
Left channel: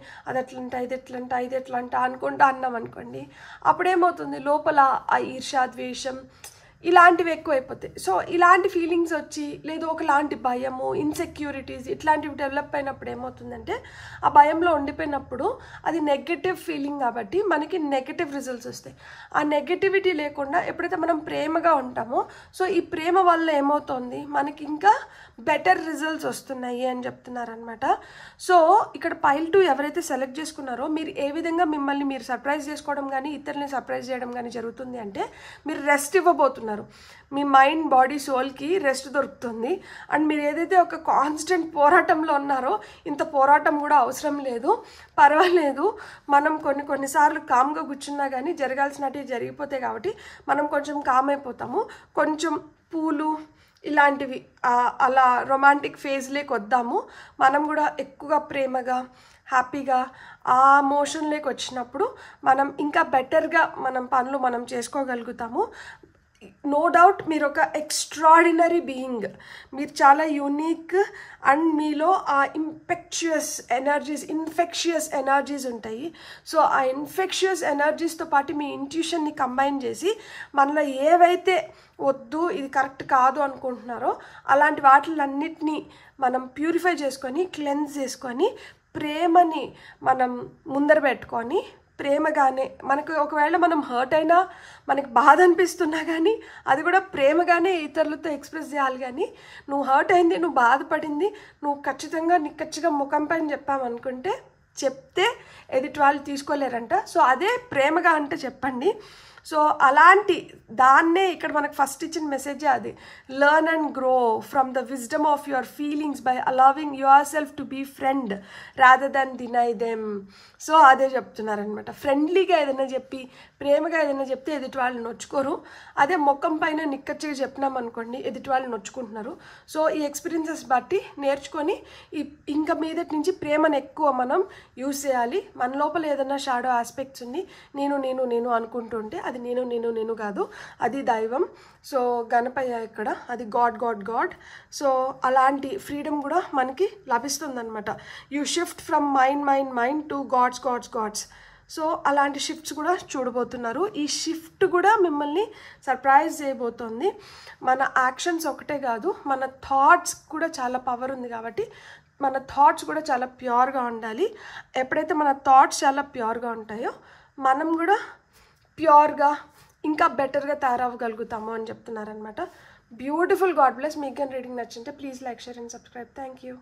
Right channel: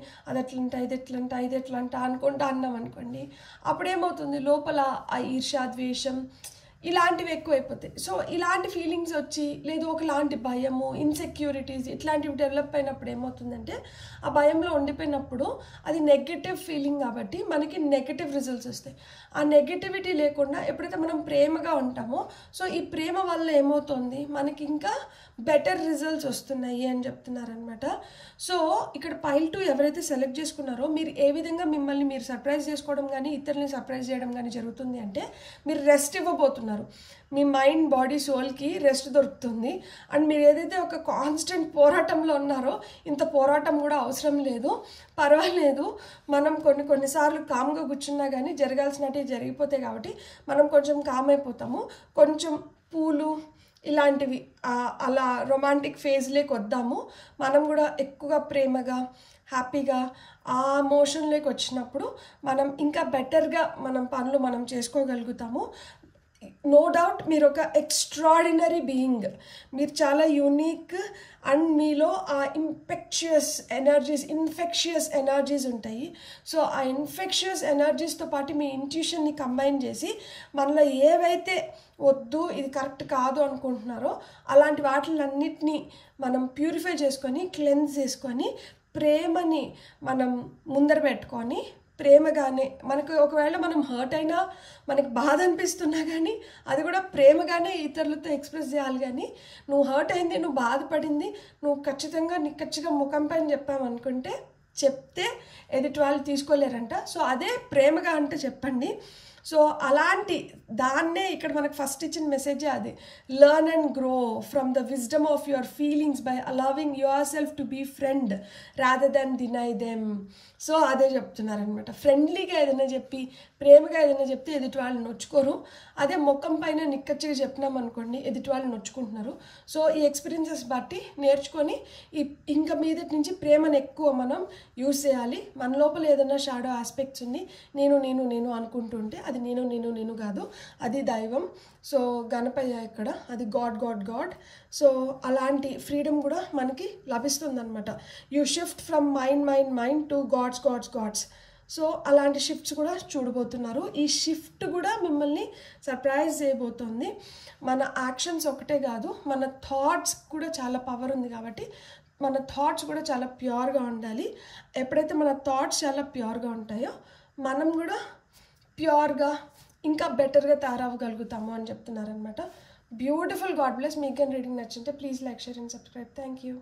అది ఎట్లంట అనుకుంటా అన్నాం అనుకోండి, అప్పుడేమవుతుంది లోపల ఆ ఈర్ష్య, ద్వేషం ఇలాంటివి ఎక్కువైపోతాయి. సో ఇలాంటి ఫీలింగ్స్ వచ్చి లేదు ఒకలాంటి భయము, ఇన్సెక్యూరిటీస్ ఇట్లాంటివి డెవలప్ అయినప్పుడు ఏమవుతుందంటే ఆ భయంలో ఉండిపోయినప్పుడు అది నెగటివ్ ఫీలింగ్ కాబట్టి మనకి నెగటివ్ రిజల్ట్స్ వస్తాయి. ఆ నెగటివిటీ లేకుండా ఎప్పుడైతే మనం ప్రేమగా ఉంటామో సో ఈ ప్రేమ వల్ల ఏమవుతుంది మనకి ఇంకా బెటర్ రిజల్ట్స్ వస్తున్నాయి అని చెప్తున్నారనమాట. సో ఇక్కడ పైల్ 2 ఎవరైతే సెలెక్ట్ చేసుకున్నారో మీరు ఏ విధంగా మిమ్మల్ని మీరు సర్ప్రైజ్ చేసుకోవడం కానీ ఇతరులని సర్ప్రైజ్ చేయడం కానీ జరుగుతుంది అంటే మీరు రెస్ట్ ఇవ్వబోతున్నారు. మీ మైండ్, బాడీ, సోల్కి రెస్ట్ దొరుకుతుంది. అండ్ మీరు ఏదైతే ఒక కాన్స్టెంట్ పోరాటంలో ఉన్నారో ఇంత పోరాటం కూడా అవసరం లేదు, పర్వాలేదు. మనం కొన్నిసార్లు కామ్గా కూర్చున్నా కానీ జరగాల్సినవి జరిగిపోతాయి కాబట్టి మనం కొంచెం కామ్ అయిపోతాము. కొంచెం పూలు ఇలాంటివి అలా రొమాంటిక్ ఫేజ్లోకి వద్దాము. మనం కూడా ఎక్కువగా ప్రేమగా హ్యాపీగా ఆ మోషన్లోకి వచ్చినప్పుడు మనం ఇంకా బెటర్గా పనులు మనం చేసుకోగలుగుతాము. నో డౌట్ మీరు ఒక ఎక్స్ట్రాడినరీ బీయింగ్, మీరు చాలా యూనిక్ అండ్ మీలో ఆ ఇన్ఫెక్షియస్ ఎనర్జీస్ ఉంటాయి. సో ఆ ఇన్ఫెక్షియస్ ఎనర్జీస్తో పాటు మీ ఇంట్యూషన్ని కంబైన్ చేసి మనలో ఏవైతే వద్దు ఇది కరెక్ట్ కాదు అనుకుంటున్నారో అలాంటి వాటిలన్నిటినీ మనం ప్యూరిఫై చేసుకొని క్లెన్స్ చేసుకొని ప్రేమని మనం ముందర పెట్టుకొని ప్రేమగానే, మనకు ఒకవేళ మనం హర్ట్ అయినా మనకి బాధ అనిపిస్తున్నా కానీ అది కూడా ప్రేమగానే ఇతరులతో ఎక్స్ప్రెస్ చేయాలి. కానీ నువ్వు హర్ట్ అయింది, నువ్వు బాధపడింది, నువ్వు ఖచ్చితంగా నిక్కచ్చిగా ముఖం పైన చెప్పామనుకుంటే, చెప్తే ఎదుటి వాళ్ళు తీసుకోలేరంట. సో అదే ప్రేమగా అంటే చెప్పండి. సో అలాంటి దాన్నే ఇక్కడ మనకు ఫస్ట్ ఇచ్చిన మెసేజే అది. Learn and grow from the wisdom of your feelings by allowing your self to be friend rather than deny them. So అదే చెప్తున్నారనమాట. ఫ్రెండ్లీగా ఏదైనా చెప్పి, ప్రేమగా ఏదైనా చెప్తే ఎదుటి వాళ్ళు నొచ్చుకోరు. అదే ముఖం పైన నిక్కచ్చిగా చెప్పినాం అనుకోండి, ఎదుటి వాళ్ళు నొచ్చుకుంటున్నారు. సో ఈ ఎక్స్పీరియన్సెస్ బట్టి నేర్చుకొని ఇంకా మీదటి నుంచి ప్రేమను ఎక్కువ మనం యూజ్ చేయాలి. మన లోపల ఏదైనా షాడో ఆస్పెక్ట్స్ ఉంది, నేను నేను నేను అనుకుంటుంటే అది నేను నేను నేను కాదు, అది దైవం. సో గణపయ్య ఇక్కడ, అది గాడ్ గాడ్ గాడ్. సో అలాంటి ఫ్రీడమ్ కూడా మనకి లభిస్తుంది అనమాట. You shift from mind mind mind to gods gods gods. So అలాంటి షిఫ్ట్స్ కూడా చూడబోతున్నారు. ఈ షిఫ్ట్ కూడా మిమ్మల్ని సర్ప్రైజ్ చేయబోతోంది. మన యాక్షన్స్ ఒకటే కాదు, మన థాట్స్ కూడా చాలా పవర్ ఉంది. కాబట్టి మన థాట్స్ కూడా చాలా ప్యూర్గా ఉండాలి. ఎప్పుడైతే మన థాట్స్ చాలా ప్యూర్గా ఉంటాయో మనం కూడా ప్యూర్గా ఇంకా బెటర్గా తయారవ్వగలుగుతాము అని చెప్తున్నారనమాట. బ్యూటిఫుల్. God bless. మీకు రీడింగ్ నచ్చింటే please like, share and subscribe. Thank you.